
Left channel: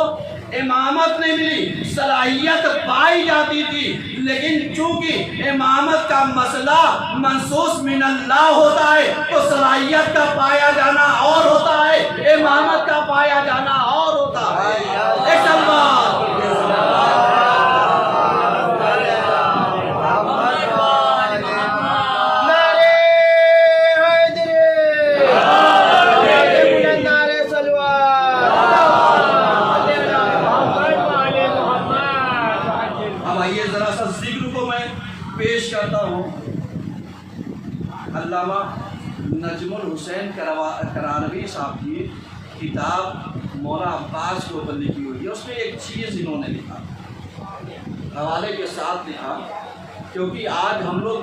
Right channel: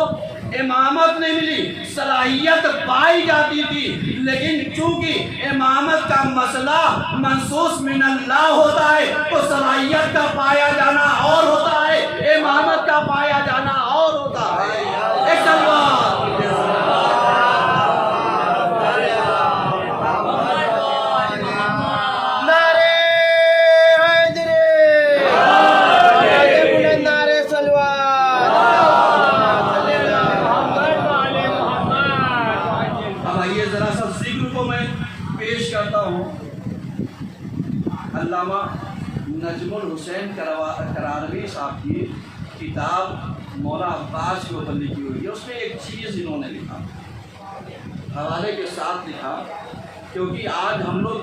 امامت نہیں ملی. صلاحیت پائی جاتی تھی لیکن چونکہ امامت کا مسئلہ منصوص من اللہ ہوتا ہے تو صلاحیت کا پایا جانا اور ہوتا ہے, امامت کا پایا جانا اور ہوتا ہے. ایک تلوار کرتا ہوں. علامہ نجم الحسین کرانوی صاحب کی کتاب مولا عباس کے اوپر لکھی ہوئی ہے. اس میں ایک چیز انہوں نے لکھا, حوالے کے ساتھ لکھا, کیونکہ آج ہم لوگ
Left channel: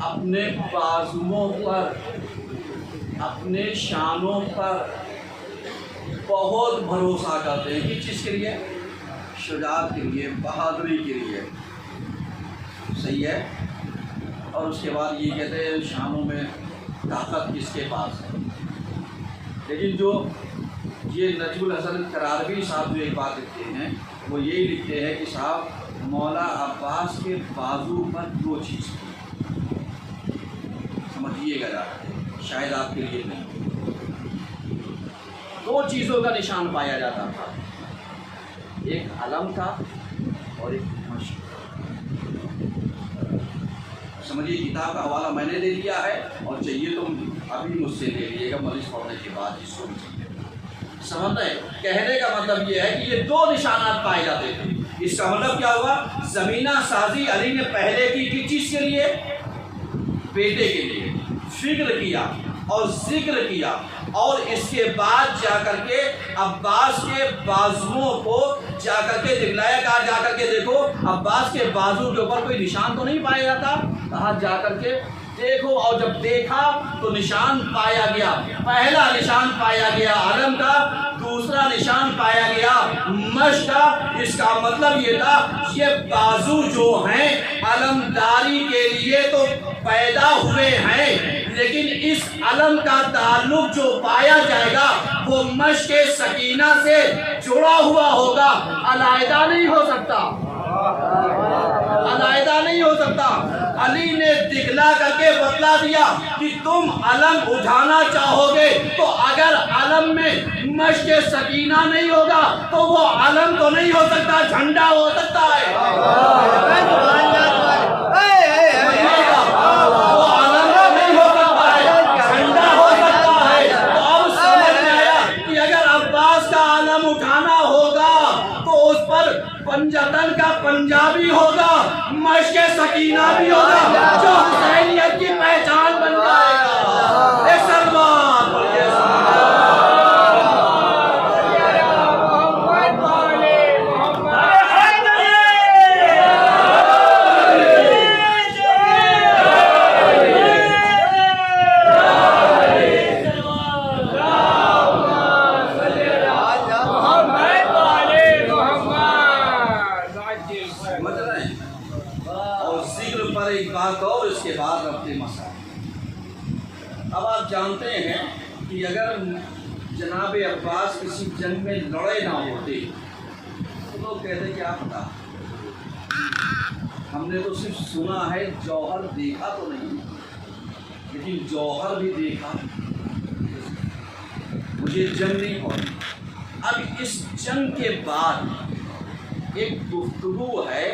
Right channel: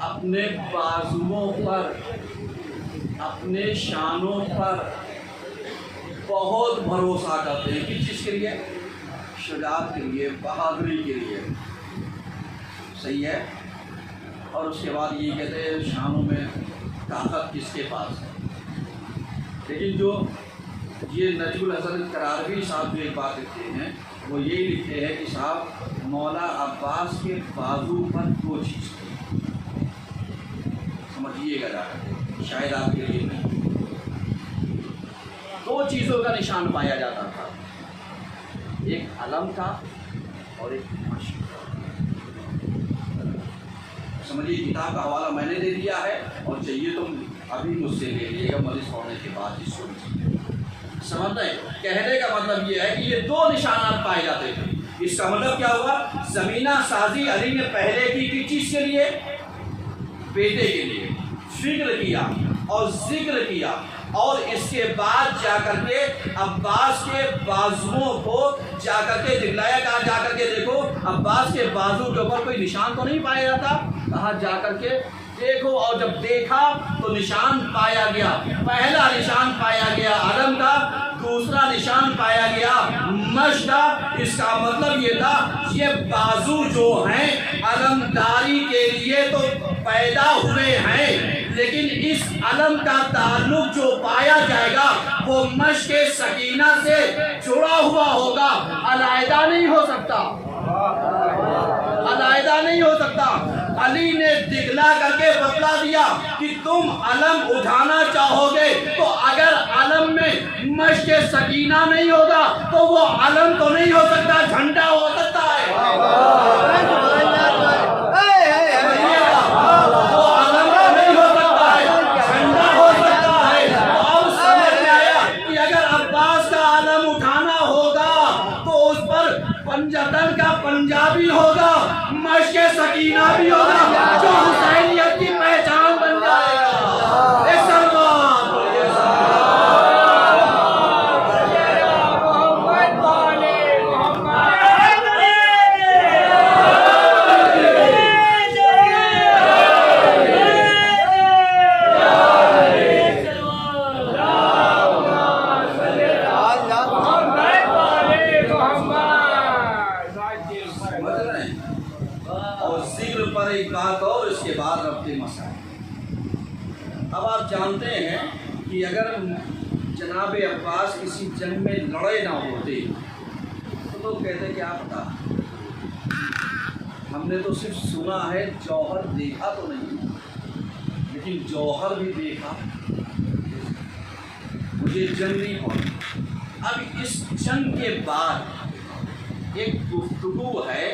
اپنے بازوؤں پر, اپنے شانوں پر بہت بھروسہ کرتے ہیں. کس چیز کے لیے؟ شجاعت کے لیے, بہادری کے لیے. صحیح ہے. اور اس کے بعد یہ کہتے ہیں شانوں میں طاقت کس کے پاس ہے. لیکن جو یہ نجم الحسن کرانوی صاحب جو ایک بات لکھتے ہیں وہ یہی لکھتے ہیں کہ صاحب مولا عباس کے بازو پر دو چیز سمجھیے گا جا کر, شاید آپ کے لیے نہیں. دو چیزوں کا نشان پایا جاتا تھا, ایک علم تھا اور ایک مشق. سمجھیے کتاب کا حوالہ میں نے دے دیا ہے اور چاہیے تو ابھی مجھ سے لے لیجیے گا مجلس پڑھنے کے بعد جس کو بھی سمجھ رہے. کہنے کا مطلب یہ ہے کہ یہ دو نشانات پائے جاتے تھے. اس کا مطلب کیا ہوا؟ زمینہ سازی علی نے پہلے کی کس چیز کے لیے؟ بیٹے کے لیے. فکر کیا اور ذکر کیا اور اس کے بعد جا کر کے عباس کے بازوؤں کو جا کر کے دکھلایا. کہا جا کر کے دیکھو عباس کے بازو کے اوپر کوئی نشان تو نہیں پایا جاتا. کہا جا کر کے دیکھو. اور جب دیکھا تو نشان پایا گیا. پہلا نشان پایا گیا علم کا, دوسرا نشان پایا گیا مشق کا. اس کا مطلب یہ تھا یہ بازو جو ہیں علمداری کے لیے تو پیدا ہوئے ہیں لیکن اس علم کا تعلق جو پایا جائے گا وہ مشق سکینہ سے جڑا ہوا ہوگا, علیحدہ نہیں ہو سکتا, علیحدہ نہیں ہو سکتا. علی نے دکھلا کر کے بتلا دیا کہ تم علم اٹھانا چاہو گے تو اگر عالم میں مشق سکینہ نہیں ہوگا تو وہ علم تو نہیں ہو سکتا، جھنڈا ہو سکتا ہے۔ سمجھیے گا، وہ علم تو نہیں ہو سکتا ہے، جھنڈا ہو سکتا ہے۔ تو اب سمجھ میں آیا کہ اگر عباس کا علم اٹھانا ہوگا تو اس پر پنجتن کا پنجابی ہوگا، مشق سکینہ بھی ہوگا، جو حسینیت کی پہچان بن جائے گا۔ ایک سلمان پڑھیے، اس کے بعد ربطِ مسائل۔ اب آپ جانتے ہیں کہ اگر جناب عباس کسی جنگ میں لڑے نہ ہوتے تو لوگ کہتے کیا پتا، ہم نے تو صرف سنا ہے، جوہر دیکھا تو نہیں، لیکن جوہر بھی دیکھا، مجھے جنگ نہیں ہوئی۔ اب اس جنگ کے بعد ایک گفتگو ہے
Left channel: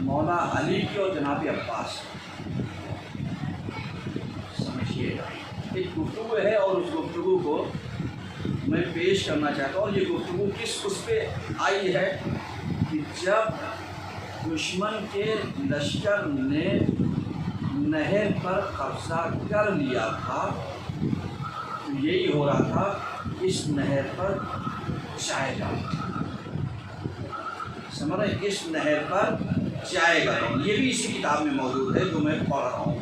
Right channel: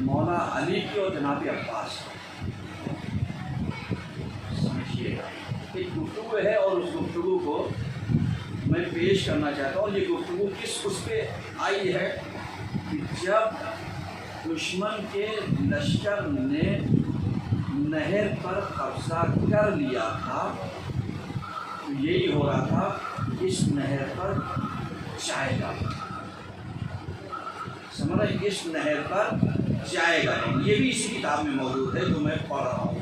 مولا علی کی اور جناب عباس کی، سمجھیے گا، ایک گفتگو ہے اور اس گفتگو کو میں پیش کرنا چاہتا ہوں۔ اور یہ گفتگو کس اس پہ آئی ہے کہ جب دشمن کے لشکر نے نہر پر قبضہ کر لیا تھا تو یہی ہو رہا تھا، اس نہر پر جائے گا، سمجھ رہے، اس نہر پر جائے گا۔ یہ بھی اسی کتاب میں موجود ہے جو میں پڑھ رہا ہوں،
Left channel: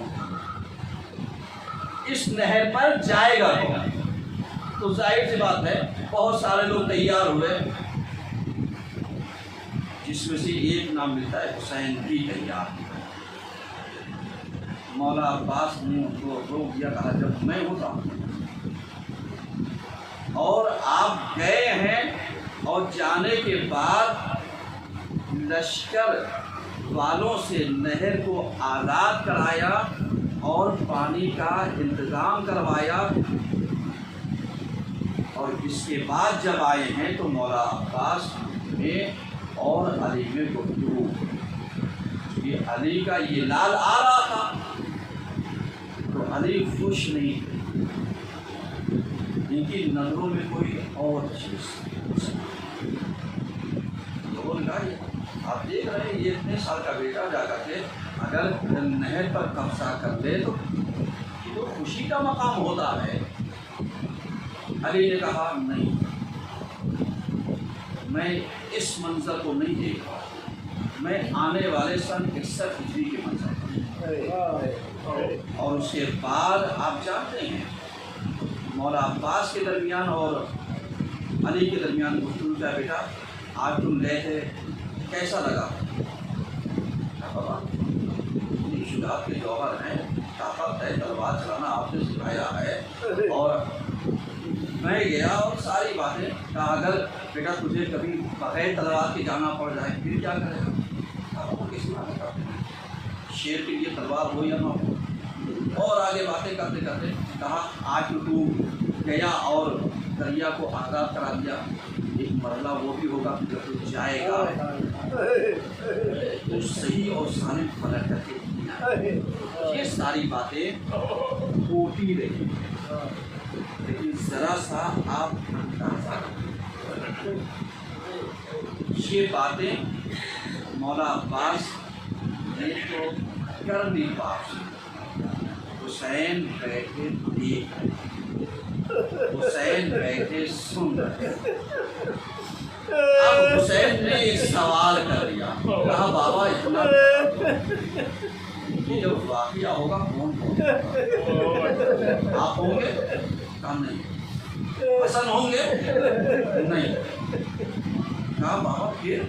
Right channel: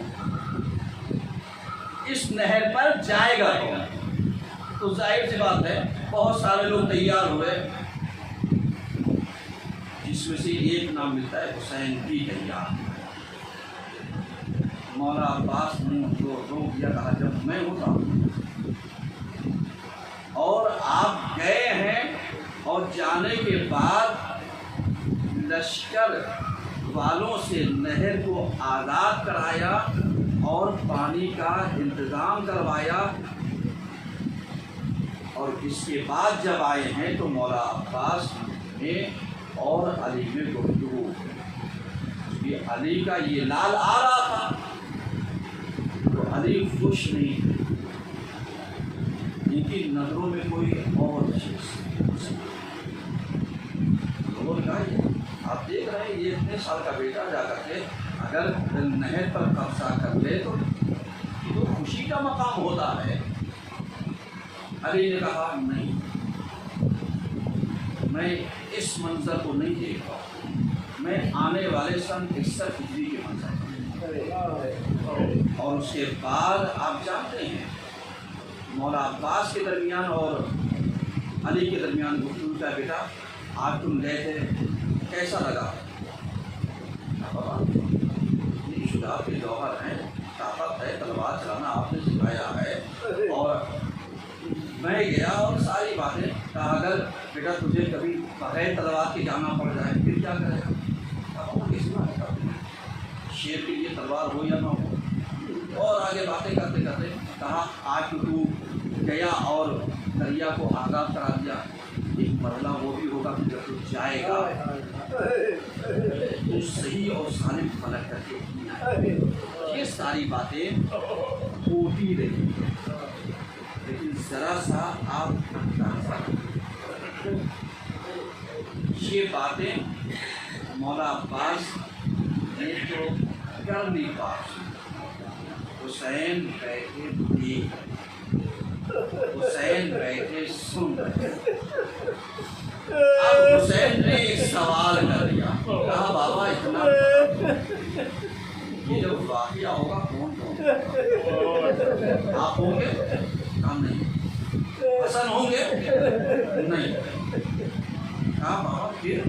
اس نہر پر جائے گا۔ تو ظاہر سی بات ہے بہت سارے لوگ تیار ہوئے، جس میں سے ایک نام ملتا ہے حسین کی تیار۔ مولا عباس نے ان کو روک دیا، کہا جب میں ہوتا ہوں اور آپ گئے ہیں اور جانے کے بعد لشکر والوں سے نہر کو آزاد کرایا اور پانی کا انتظام کروایا، اور اس کے بعد جب آئے ہیں تو مولا عباس میں اور علی میں گفتگو، کہ علی کا یہ لال آ رہا تھا تو علی خوش نہیں تھے، ان کی نظروں میں کوئی اور چیز۔ آپ دیکھ رہے ہیں یہ اتنے سال کا بیٹا جا کر کے اگر نہر پر قبضہ کر لے تو یہ تو خوشی کا مقام ہوتا ہے۔ علی نے کہا نہیں، میں اس منظر کو نہیں دیکھ رہا، میں آنے والے سن 61 ہجری کے منظر۔ اور اس کے بعد آپ جانتے ہیں مولا عباس کے درمیان اور علی کے درمیان گفتگو کا، بیٹا آج تم گئے تھے کیسا لگا؟ شجاعت کے جوہر ہیں، طاقت ہے، تلوار چلانا آپ نے سکھایا ہے، اور میں گیا اور ساری باتیں کہا اگر بیٹا تجھے کبھی بغیر تلوار کے جانا پڑ جائے پھر کیا کرے گا؟ شیر کے لیے تلوار ہو یا نہ ہو۔ اور آگے باتیں کرتے کرتے کہا آج تو گیا اور دریا کو آزاد کرا دیا، ایک مرحلہ وہ بھی ہوگا کہ جب تو جائے گا تو صحیح اور سالم فلک کر کے۔ یہ ساری باتیں ہوتی رہی، لیکن ذرا سا آپ یہ باتیں مولا عباس نے تو کر نہیں پا، حسین بیٹھے دیکھ رہے، حسین بیٹھے سن رہے۔ اب حسین نے ایک سوال کر دیا، کہا بابا اتنا یہ جب واقعہ ہوگا کون آپ ہوں گے؟ کہا نہیں۔ حسن ہوں گے؟ نہیں۔ کہا بابا پھر؟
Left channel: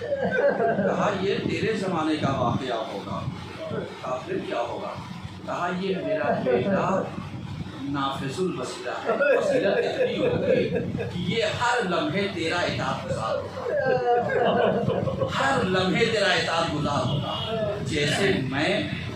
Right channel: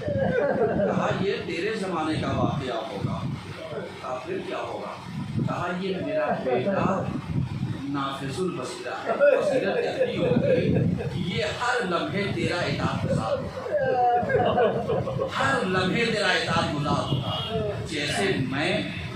کہا یہ تیرے زمانے کا واقعہ ہوگا۔ کہا پھر کیا ہوگا؟ کہا یہ میرا بیٹا نافذ البصیرہ ہے، بصیرت اتنی ہوگی کہ یہ ہر لمحے تیرا اطاعت گزار ہوگا، ہر لمحے تیرا اطاعت گزار ہوگا، جیسے میں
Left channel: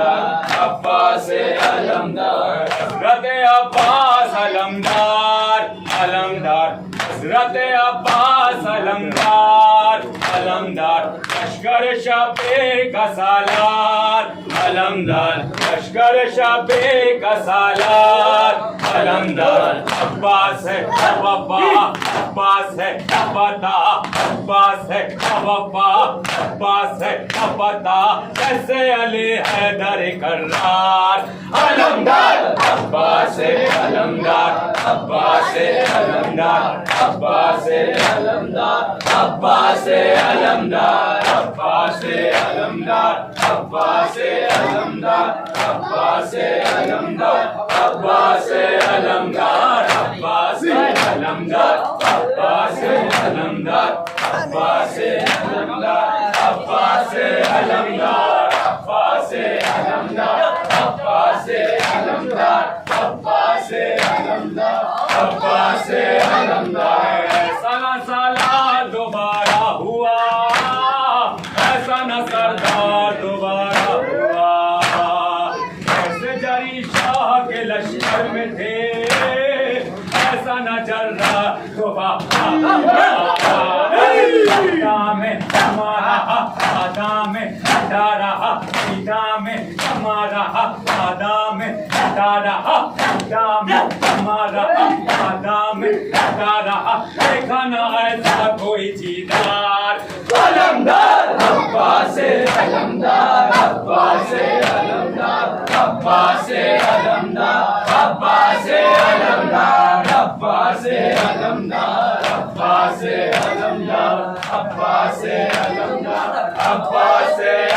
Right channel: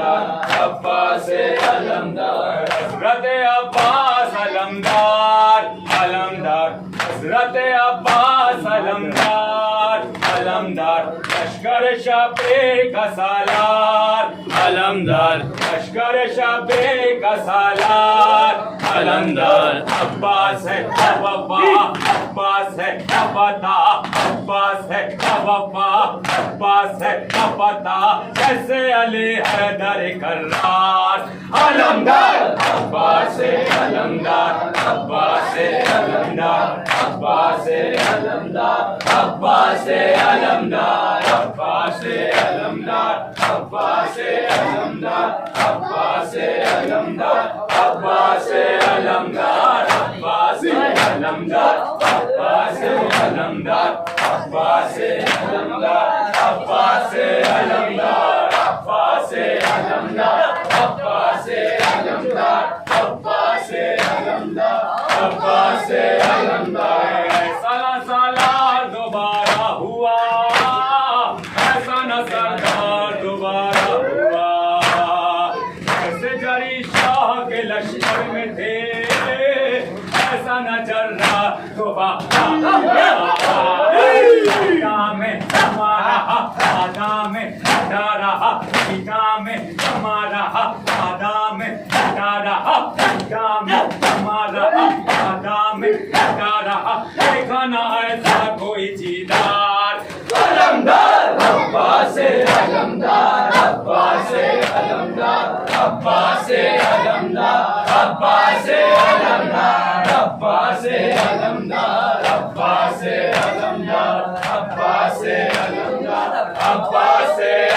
علمدار عباس علمدار حضرت عباس علمدار علمدار حضرت عباس علمدار علمدار لشکر شبے کا سالار علمدار لشکر شبے کا سالار علمدار عباس ہے وفا عباس ہے پتا عباس ہے وفا عباس ہے پتا جیسے علی حیدر کرار علمدار عباس علمدار عباس علمدار عباس علمدار عباس علمدار عباس علمدار عباس علمدار عباس علمدار عباس علمدار عباس علمدار عباس علمدار عباس علمدار عباس علمدار عباس علمدار عباس علمدار عباس علمدار عباس علمدار سالہ سالہ دوبارہ ہوا ایسا نہ سردار دوبارہ ہوا ایسے جری شاہ کے لشکر میں تھے ایسا نہ چل رہا دوبارہ میں ہمارا آدھا میں ہٹا رہا پیتا میں ہمارا آدھا میں ہٹا رہا پیتا میں ہمارا آدھا میں ہٹا رہا دیکھا نہ ایسا کوئی چیدار علمدار عباس علمدار عباس علمدار عباس علمدار عباس علمدار عباس علمدار عباس علمدار عباس علمدار عباس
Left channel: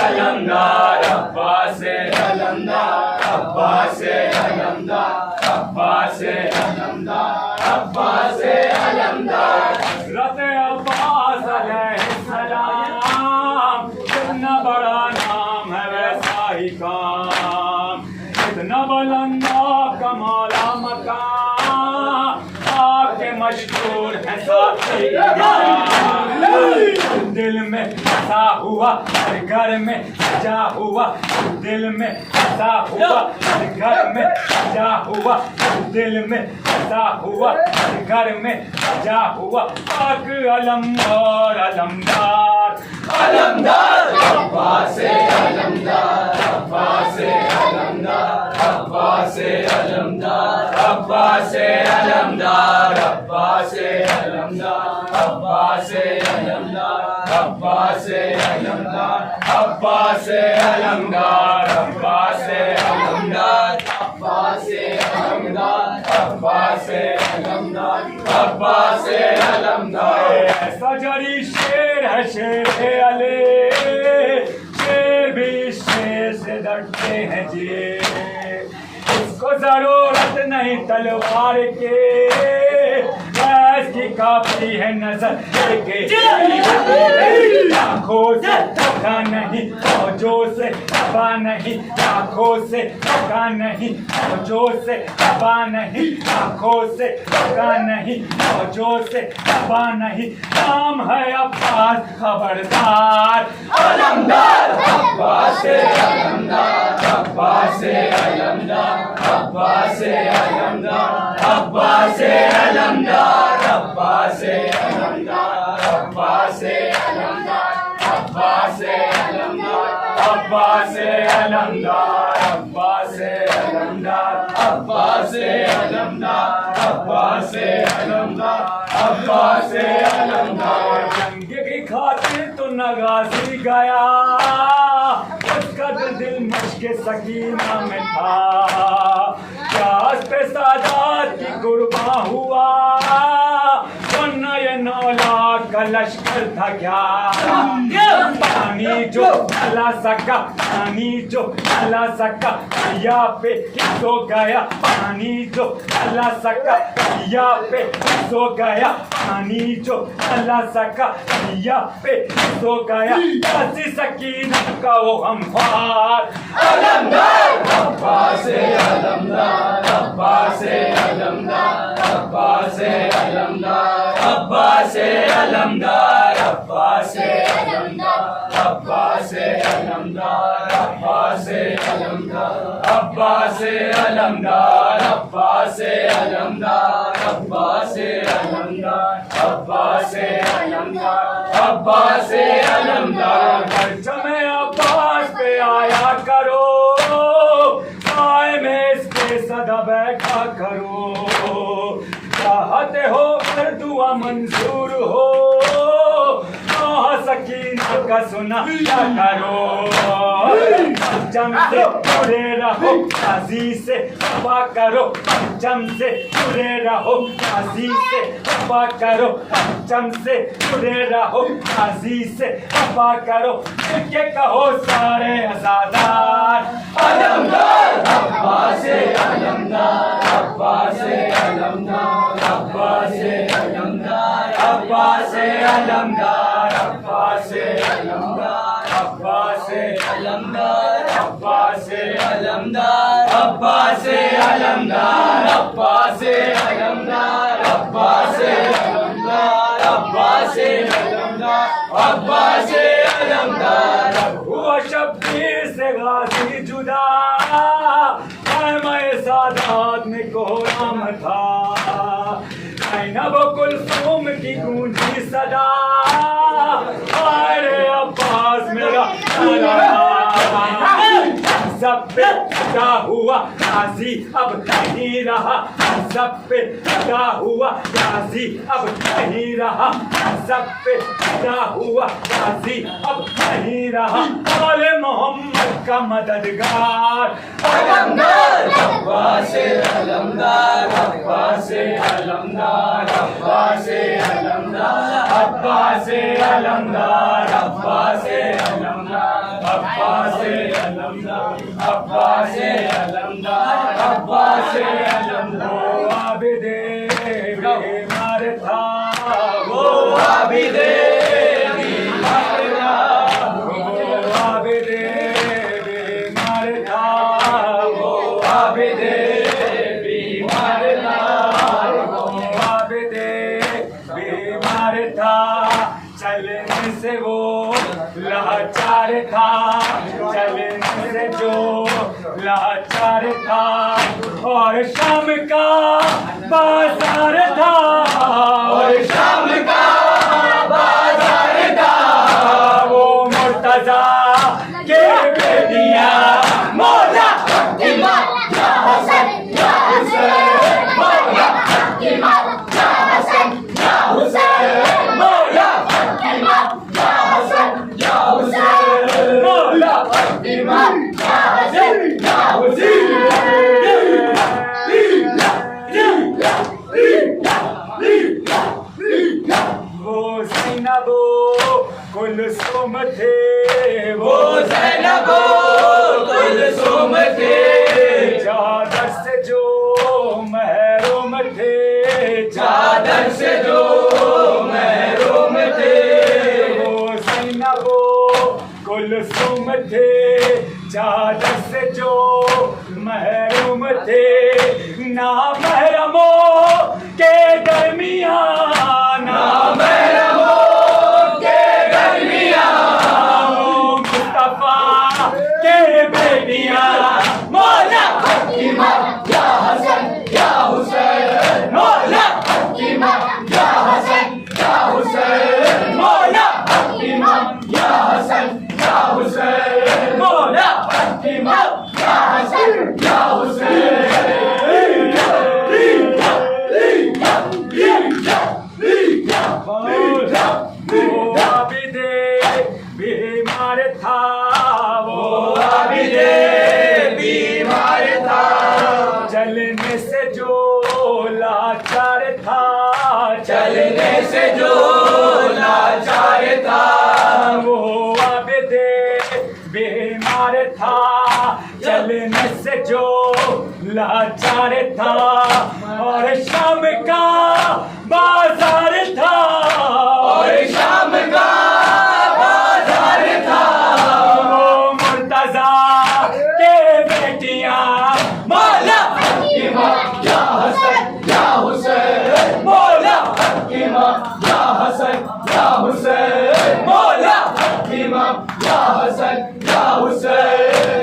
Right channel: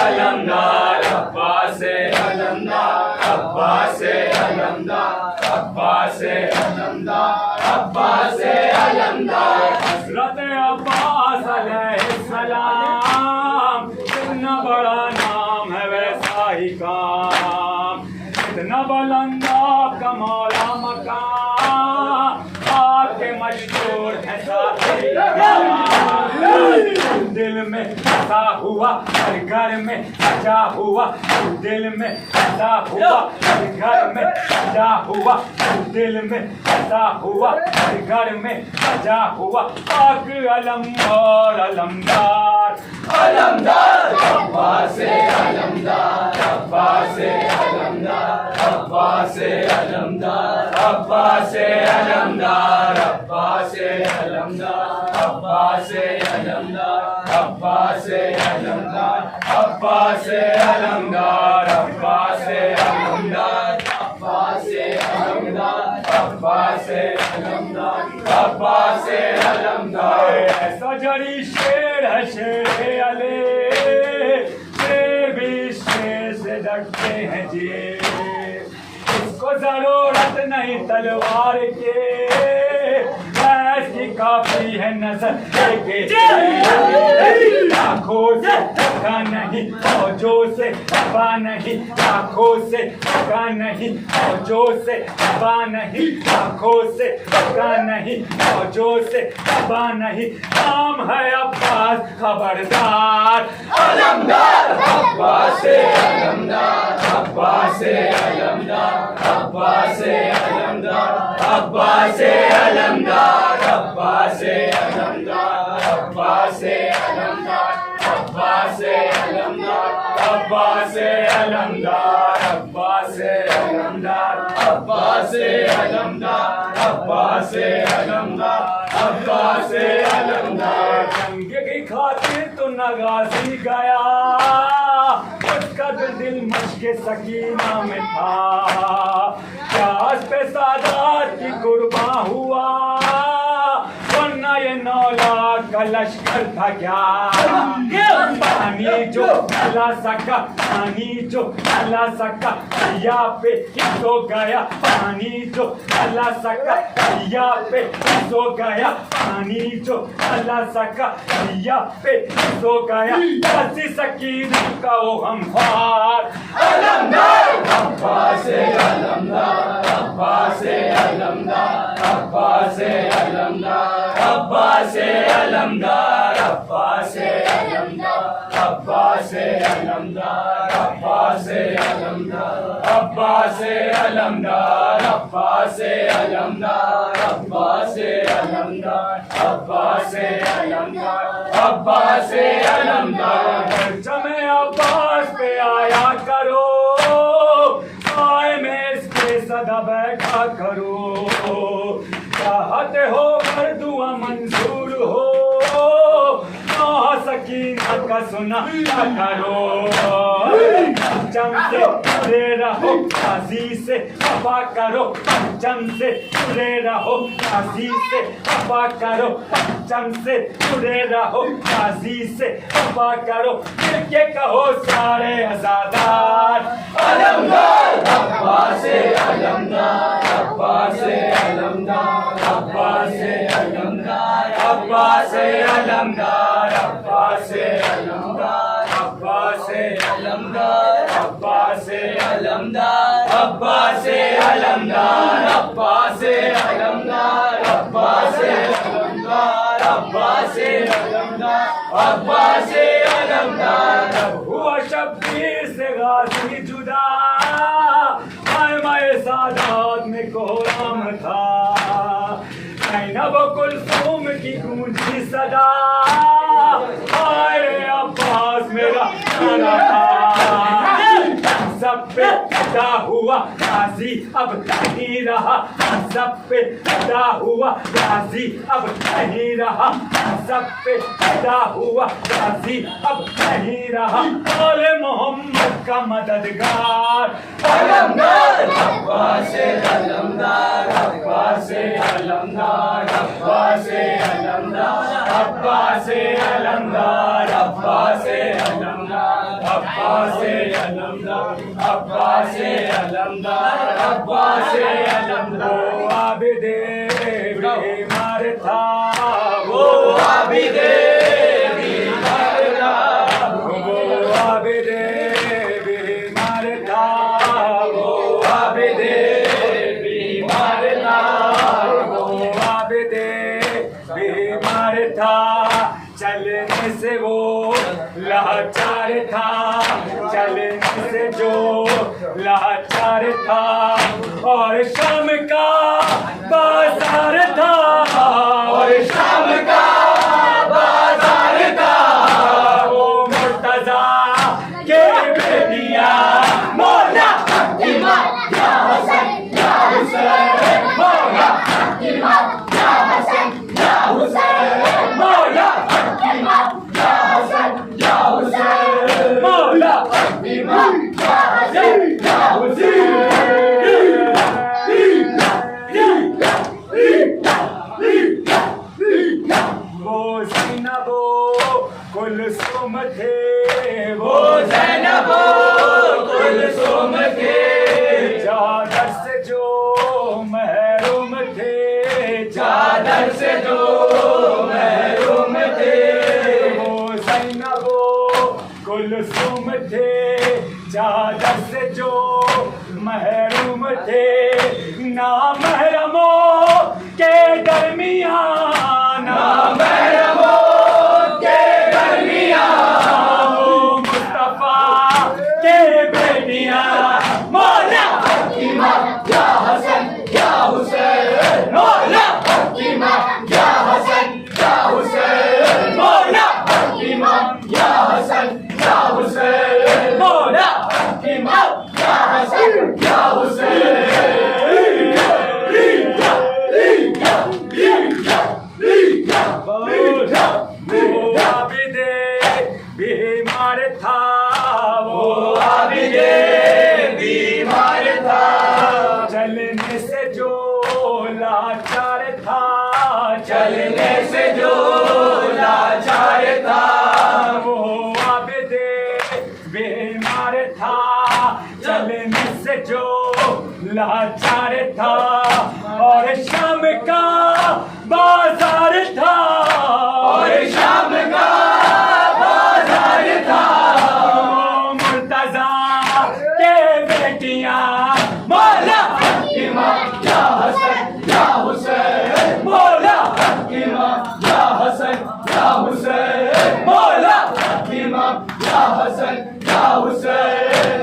علمدار عباس علمدار عباس علمدار عباس علمدار عباس علمدار حضرت عباس علیہ السلام کتنا بڑا نام ہے ویسا ہی کام کتنا بلندہ کمالا مقام آپ کے مشہور ہے ساتھی دل میں بسا ہوا ہر گھر میں سجا ہوا دل میں بسا ہوا ہر گھر میں سجا ہوا دل میں بسا ہوا ہر گھر میں سجا ہوا پاک علم اور علمدار علمدار عباس علمدار عباس علمدار عباس علمدار عباس علمدار عباس علمدار عباس علمدار عباس علمدار عباس علمدار عباس علمدار عباس علمدار عباس علمدار عباس علمدار ایسا جری شیر ہے شیر علی شیر بھی شیر سے ڈرتے ہیں جی اس کو ضرورت نہیں تلوار کے کی کافی ہے نظر آنکھوں سے دھکا نہیں فوجوں سے دبا نہیں آنکھوں سے دھکا نہیں فوجوں سے دبا نہیں آنکھوں سے دھکا نہیں فوجوں سے دبا نہیں نام ہے عباس خبردار علمدار عباس علمدار عباس علمدار عباس علمدار عباس علمدار عباس علمدار عباس علمدار عباس علمدار عباس علمدار عباس علمدار عباس علمدار عباس علمدار عباس علمدار جنگ کی خاطر تو نغازی گیا اس کا دل مشق سکینہ میں تھا کیا اس پہ سادات کی قرباں ہوا ورنہ یہ 9 لاکھ کا لشکر تھا کیا پانی جو لا سکا پانی جو لا سکا دریا پہ سو گیا پانی جو لا سکا دریا پہ سو گیا پانی جو لا سکا دریا پہ سو گیا کسی سکینت کا وہ ہموار علمدار عباس علمدار عباس علمدار عباس علمدار عباس علمدار عباس علمدار عباس علمدار عباس علمدار عباس علمدار عباس علمدار عباس علمدار عباس علمدار عباس علمدار پرچم عباس پہ آیا کرو آئے میں اس پہ صدا بیٹھا کرو چاہتے ہو پر دعا منظور ہو سکینہ کا سنا کرو پرچم سے جڑے رہو قاضی سے وفا کرو پرچم سے جڑے رہو قاضی سے وفا کرو پرچم سے جڑے رہو قاضی سے وفا کرو مل کے کہو سارے آزادار علمدار عباس علمدار عباس علمدار عباس علمدار عباس علمدار عباس علمدار عباس علمدار عباس علمدار عباس علمدار عباس علمدار عباس علمدار عباس علمدار عباس علمدار ہوا شبیر سے غازی جدا خیمہ سادات میں کوہرام تھا زینب و کلثوم کی گونجی صدا آئے عباس میرا سب پہ فدا ہوا غازی اب نہیں رہا سب پہ فدا ہوا غازی اب نہیں رہا سب پہ فدا ہوا غازی اب نہیں رہا آل محمد کا مددگار علمدار عباس علمدار عباس علمدار عباس علمدار عباس علمدار عباس علمدار عباس علمدار عباس علمدار عباس علمدار عابد بیمار تھا وہ عابد بیمار تھا وہ عابد بیمار تھا وہ عابد بیمار تھا وہ عابد بیمار تھا چلنے سے وہ لاچار تھا چلنے سے جو لاچار تھا اور شام کا بازار تھا اور شام کا بازار تھا وہ مرتضیٰ کے بیٹیاں مولا امام یا حسن یا حسین مولا امام یا حسن یا حسین مولا امام یا حسن یا حسین مولا امام یا حسن یا حسین وہ زینب و کلثوم تھے وہ زینب و کلثوم تھے چادر سے جو محروم تھے چادر سے جو محروم تھے وہ زینب و کلثوم تھے چادر سے جو محروم تھے نامحرموں کے درمیان نامحرموں کے درمیان وہ مصطفیٰ کے بیٹیاں مولا امام یا حسن یا حسین مولا امام یا حسن یا حسین مولا امام یا حسن یا حسین مولا امام یا حسن یا حسین بیمار تھا وہ عابد بیمار تھا چلنے سے جو لاچار تھا چلنے سے جو لاچار تھا وہ عابد بیمار تھا چلنے سے جو لاچار تھا اور شام کا بازار تھا اور شام کا بازار تھا وہ مرتضیٰ کے بیٹیاں مولا امام یا حسن یا حسین مولا امام یا حسن یا حسین مولا امام یا حسن یا حسین